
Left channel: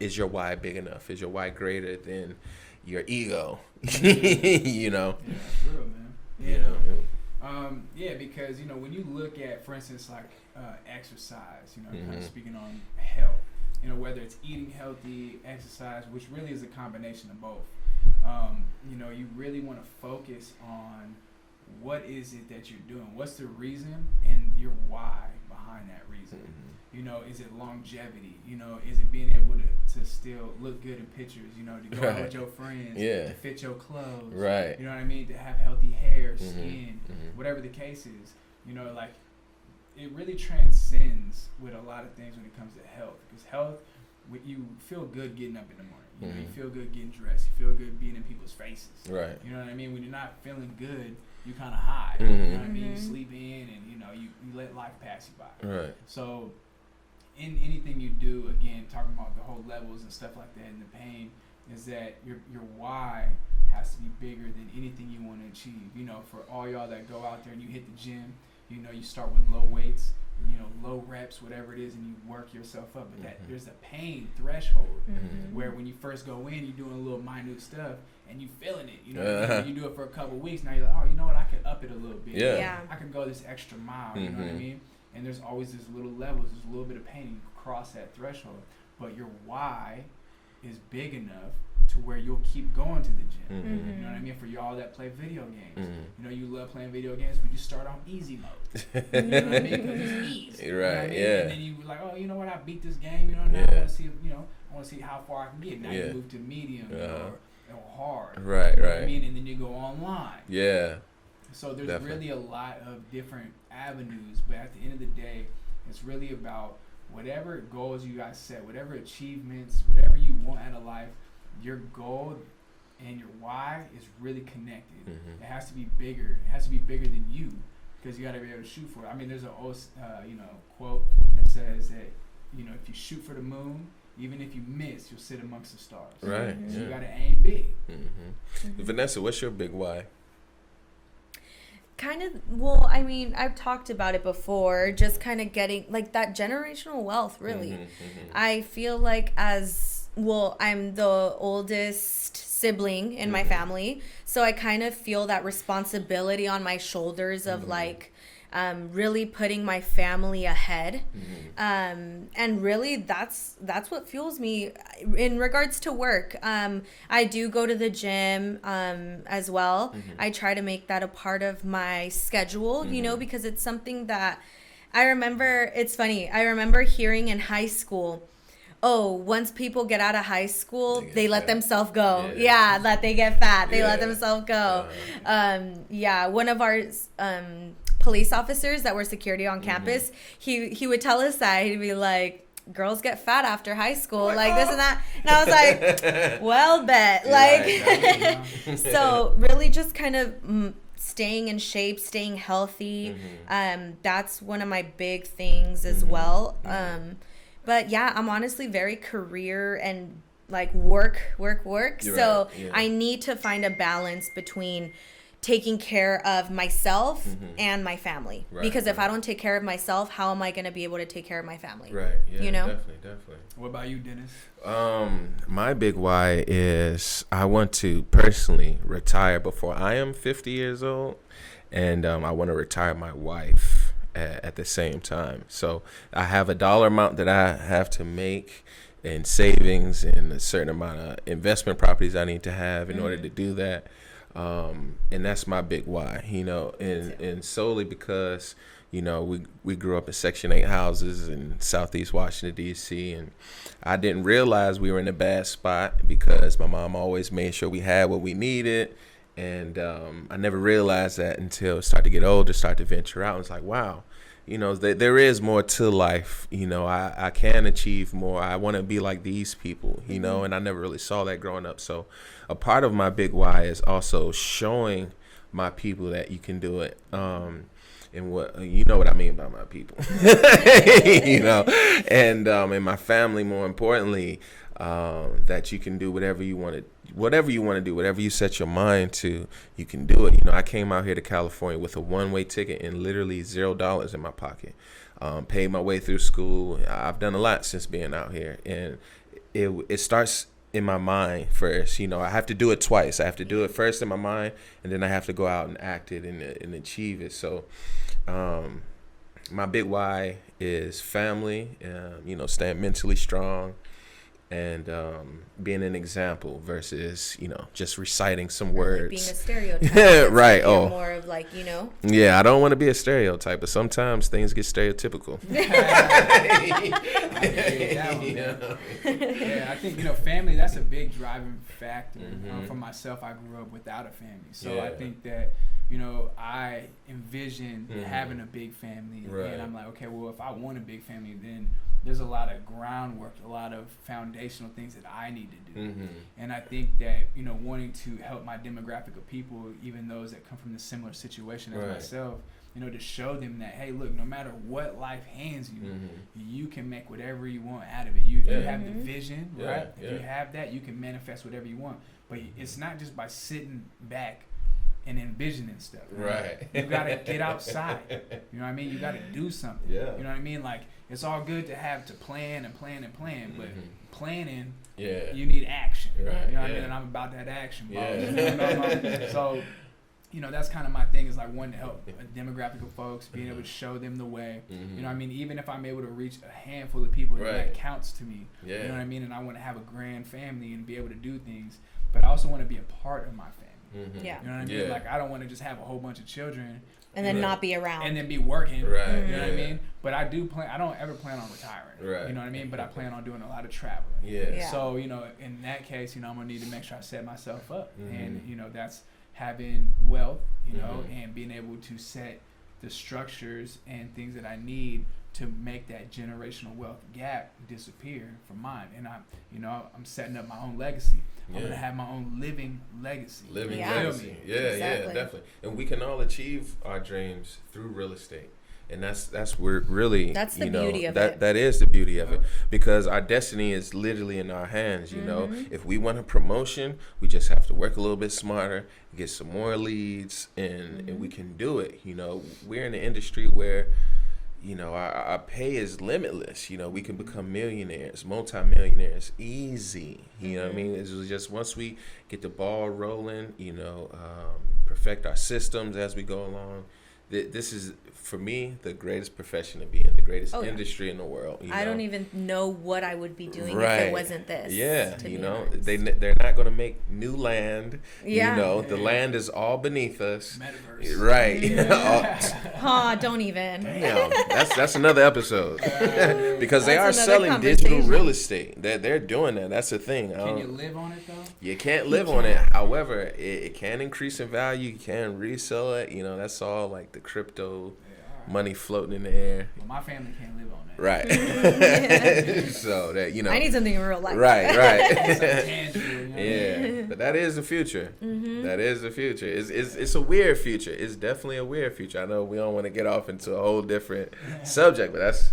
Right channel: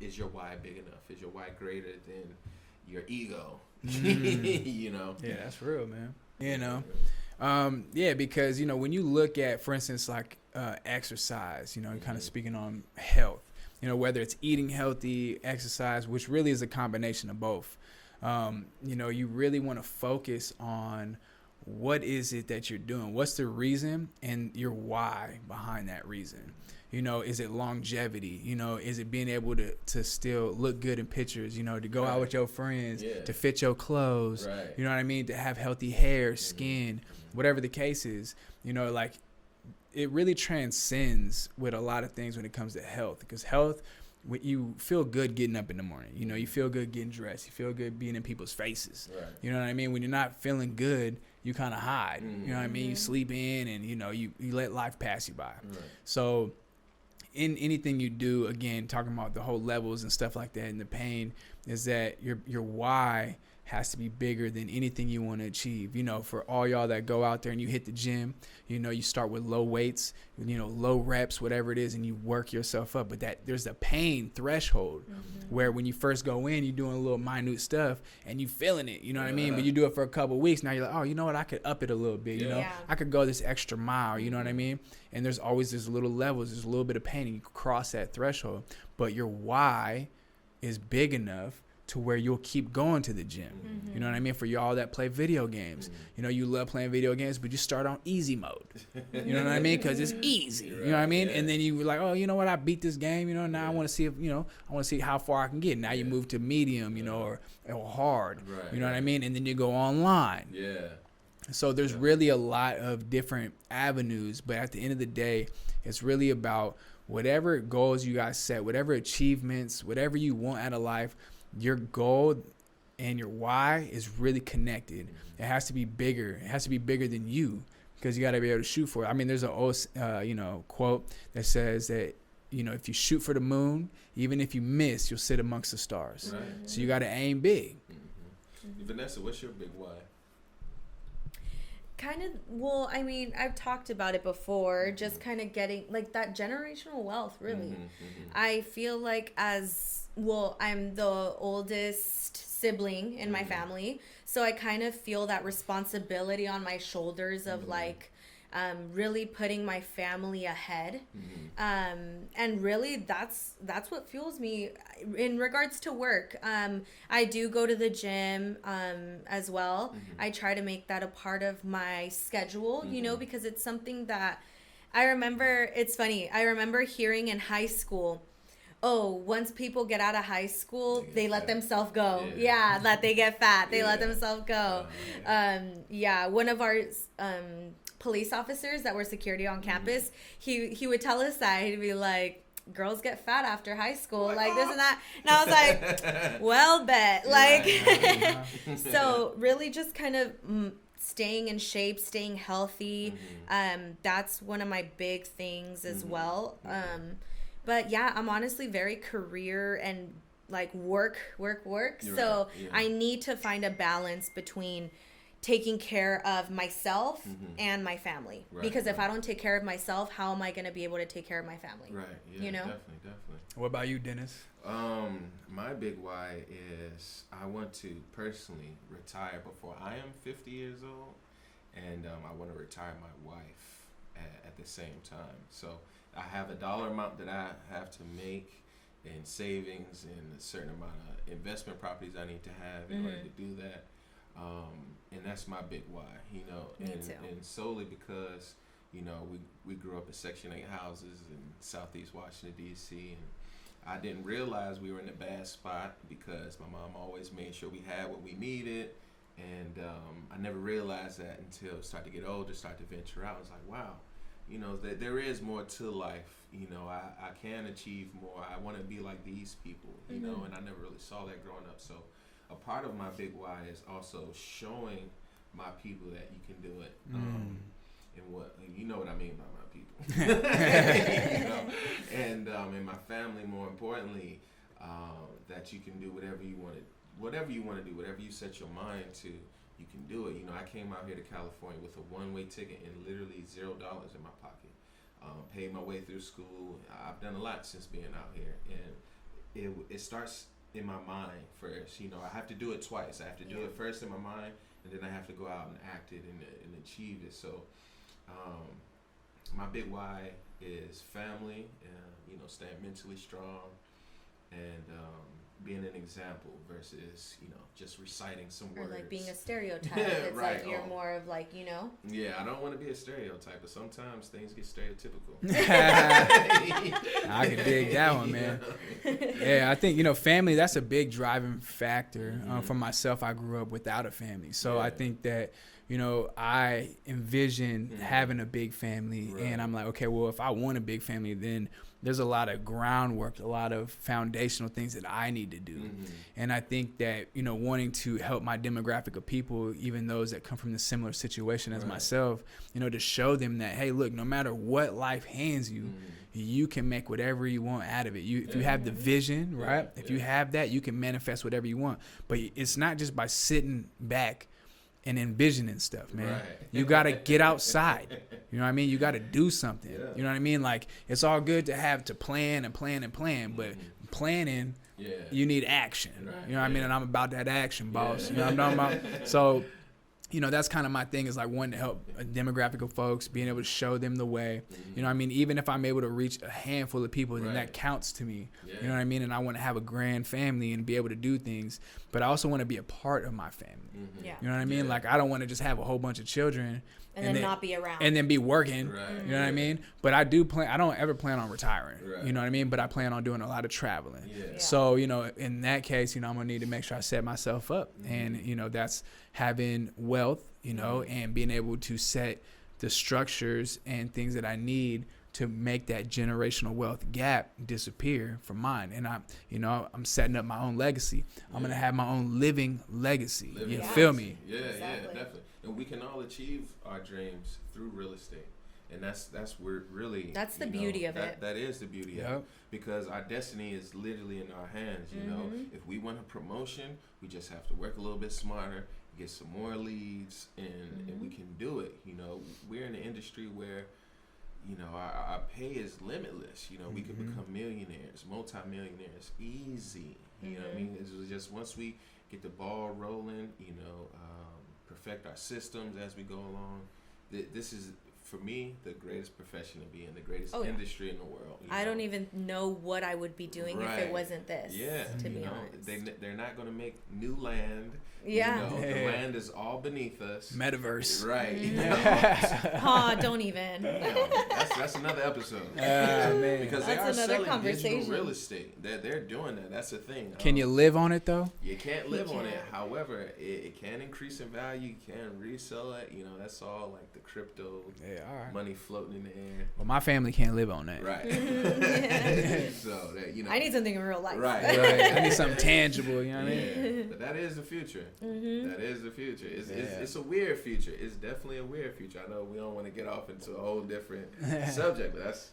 is your why big enough? Is your why greater than your ego? You know? Yeah, that's real, man. You know? Because, you know, when you look at, for instance, like exercise, you know, kind of speaking on health, you know, whether it's eating healthy, exercise, which really is a combination of both. You know, you really want to focus on what is it that you're doing? What's the reason and your why behind that reason? You know, is it longevity? You know, is it being able to still look good in pictures, you know, to go out with your friends, to fit your clothes, you know what I mean? To have healthy hair, skin, whatever the case is, you know, like it really transcends with a lot of things when it comes to health, because health, when you feel good getting up in the morning, you know, you feel good getting dressed, you feel good being in people's faces, you know what I mean? When you're not feeling good, you kind of hide, you know what I mean? You sleep in, and you know, you let life pass you by. So in anything you do, again, talking about the whole levels and stuff like that, and the pain, is that your why has to be bigger than anything you want to achieve. You know, for all y'all that go out there and you hit the gym, you know, you start with low weights, you know, low reps, whatever it is, and you work yourself up. But that there's a pain threshold where when you first go in, you're doing a little minute stuff and you feeling it, you know what I mean? But you do it for a couple of weeks, now you're like, oh, you know what, I could up it a little bit. I could go this extra mile, you know what I mean? And there's always these little levels, there's a little bit of pain, and you cross that threshold. But your why is big enough to where you'll keep going to the gym. You know what I mean? For y'all that play video games, you know, you love playing video games, but you start on easy mode. You know what I mean? Because it's easy. You know what I mean? And then you were like, oh, you know what? I beat this game. You know, now I want to see if, you know, I want to see how far I can get. Now you move to medium, you know, or hard. You know what I mean? And then you go online. So there's really a lot of different avenues, but at the end of the day, it's really about whatever goals you guys set, whatever achievements, whatever you want out of life. Your goal and your why is really connected. It has to be bigger. It has to be bigger than you, because you got to be able to shoot for it. I mean, there's an old, you know, quote that says that, you know, if you shoot for the moon, even if you miss, you'll sit amongst the stars. So you got to aim big. Vanessa, what's your big why? Kind of, well, I mean, I've talked about it before, just kind of getting like that generational wealth, really. I feel like I'm the oldest sibling in my family, so I kind of feel that responsibility on my shoulders of like really putting my family ahead. And really that's what fuels me in regards to work. I do go to the gym as well. I try to make that a part of my schedule, you know, because it's something that I remember. It's funny, I remember hearing in high school, oh, once people get out of high school, they let themselves go. That they get fat. They let themselves go. One of our police officers that were security on campus, he would tell us that. He'd be like, girls get fat after high school, like this and that. And I was like, well, bet. Like, so really just kind of staying in shape, staying healthy. That's one of my big things as well. But yeah, I'm honestly very career and like work. So I need to find a balance between taking care of myself and my family. Because if I don't take care of myself, how am I going to be able to take care of my family? You know? Definitely. What about you, Dennis? My big why is I want to personally retire before I am 50 years old. and I want to retire my wife at the same time. So I have a dollar amount that I have to make in savings and a certain amount of investment properties I need to have in order to do that. And that's my big why, and solely because, we grew up in Section 8 houses in Southeast Washington, D.C., and I didn't realize we were in a bad spot because my mom always made sure we had what we needed. And I never realized that until I started to get older, start to venture out. And it's like, wow, there is more to life. I can achieve more. I want to be like these people, and I never really saw that growing up. So a part of my big why is also showing my people that you can do it. And what what I mean by my people, and my family, more importantly, that you can do whatever you want to do, whatever you set your mind to, you can do it. I came out here to California with a one-way ticket and literally $0 in my pocket. Paid my way through school. I've done a lot since being out here, and it starts in my mind first. I have to do it twice. I have to do it first in my mind, and then I have to go out and act it and achieve it. So my big why is family, staying mentally strong, and being an example versus, just reciting some words. Being a stereotype. Right. You're more of Yeah, I don't want to be a stereotype, but sometimes things get stereotypical. I agree that one, man. Yeah, I think, family, that's a big driving factor. For myself, I grew up without a family. So I think that, I envision having a big family. Right. And I'm like, okay, well, if I want a big family, then there's a lot of groundwork, a lot of foundational things that I need to do. And I think that, wanting to help my demographic of people, even those that come from the similar situation as myself, to show them that, hey, look, no matter what life hands you, you can make whatever you want out of it. If you have the vision, right? If you have that, you can manifest whatever you want. But it's not just by sitting back and envisioning stuff, man. Right. You got to get outside. You know what I mean? You got to do something. Yeah. You know what I mean? Like, it's all good to have to plan, but planning, you need action. Right. You know what I mean? And I'm about that action, boss. You know what I'm talking about? So, that's kind of my thing, is like wanting to help a demographic of folks, being able to show them the way. You know what I mean? Even if I'm able to reach a handful of people, then that counts to me. You know what I mean? And I want to have a grand family and be able to do things, but I also want to be a part of my family. Yeah. You know what I mean? Like, I don't want to just have a whole bunch of children and then not be around and then be working. Right. You know what I mean? But I don't ever plan on retiring. Right. You know what I mean? But I plan on doing a lot of traveling. Yeah. So, in that case, I'm gonna need to make sure I set myself up. And, that's having wealth, and being able to set the structures and things that I need to make that generational wealth gap disappear from mine. And I'm setting up my own legacy. I'm going to have my own living legacy. You feel me? Yeah, exactly. Definitely. And we can all achieve our dreams through real estate. And that's where really, that's the beauty of it. That is the beauty of it, because our destiny is literally in our hands. If we want a promotion, we just have to work a little bit smarter, get some more leads, and we can do it. We're in an industry where, our pay is limitless. We can become millionaires, multimillionaires, easy. You know what I mean? It's just once we get the ball rolling, perfect our systems as we go along. This is, for me, the greatest profession to be in, the greatest industry in the world. I don't even know what I would be doing if it wasn't this. Yeah, they're not going to make new land. Yeah. The land is all beneath us. Metaverse. Right. Don't even. That's another episode. Because they are selling digital real estate. They're doing that. That's the thing. Can you live on it, though? You can't live on it. However, it can increase in value. You can resell it. That's all like the crypto money floating in the air. Well, my family can't live on that. Right. So that I need something in real life. Right. Something tangible. But that is the future. That is the future. It's a weird future. It's definitely a weird future. I know we don't want to get off into a whole different subject, but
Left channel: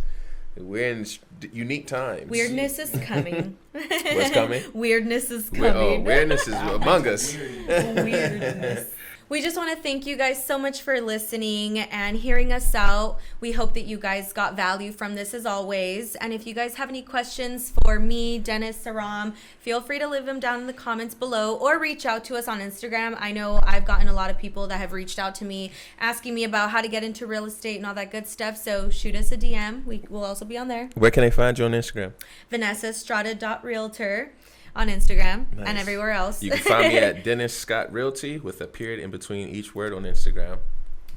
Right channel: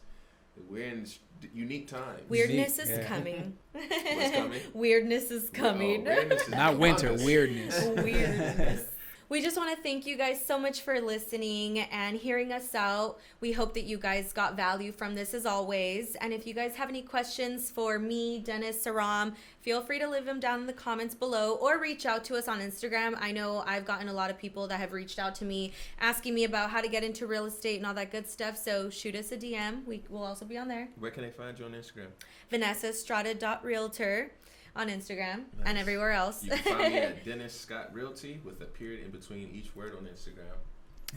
we're in unique times. Weirdness is coming. What's coming? Weirdness is coming. Weirdness is among us. Weirdness. We just want to thank you guys so much for listening and hearing us out. We hope that you guys got value from this as always. And if you guys have any questions for me, Dennis, Sirrom, feel free to leave them down in the comments below or reach out to us on Instagram. I know I've gotten a lot of people that have reached out to me asking me about how to get into real estate and all that good stuff. So shoot us a DM. We will also be on there. Where can they find you on Instagram? Vanessa Estrada.realtor on Instagram and everywhere else. You can find me at Dennis Scott Realty with a period in between each word on Instagram.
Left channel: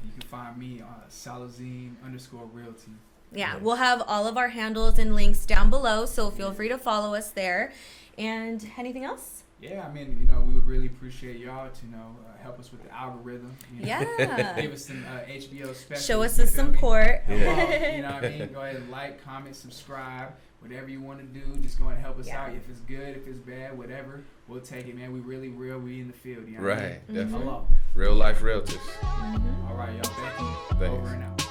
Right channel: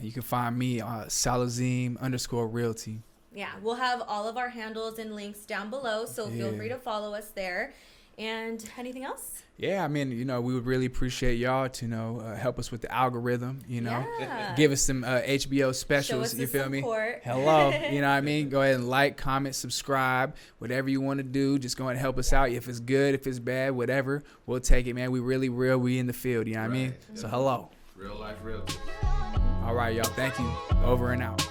You can find me on Alizem_realty. Yeah, we'll have all of our handles and links down below, so feel free to follow us there. And anything else? Yeah, I mean, you know, we would really appreciate y'all to, help us with the algorithm, give us some HBO specials. Show us the support. Hello, you know what I mean? Go ahead and like, comment, subscribe, whatever you want to do. Just go ahead and help us out. If it's good, if it's bad, whatever, we'll take it, man. We really real. We in the field, you know what I mean? So hello. Real life realtors. All right, y'all. Thank you. Over and out.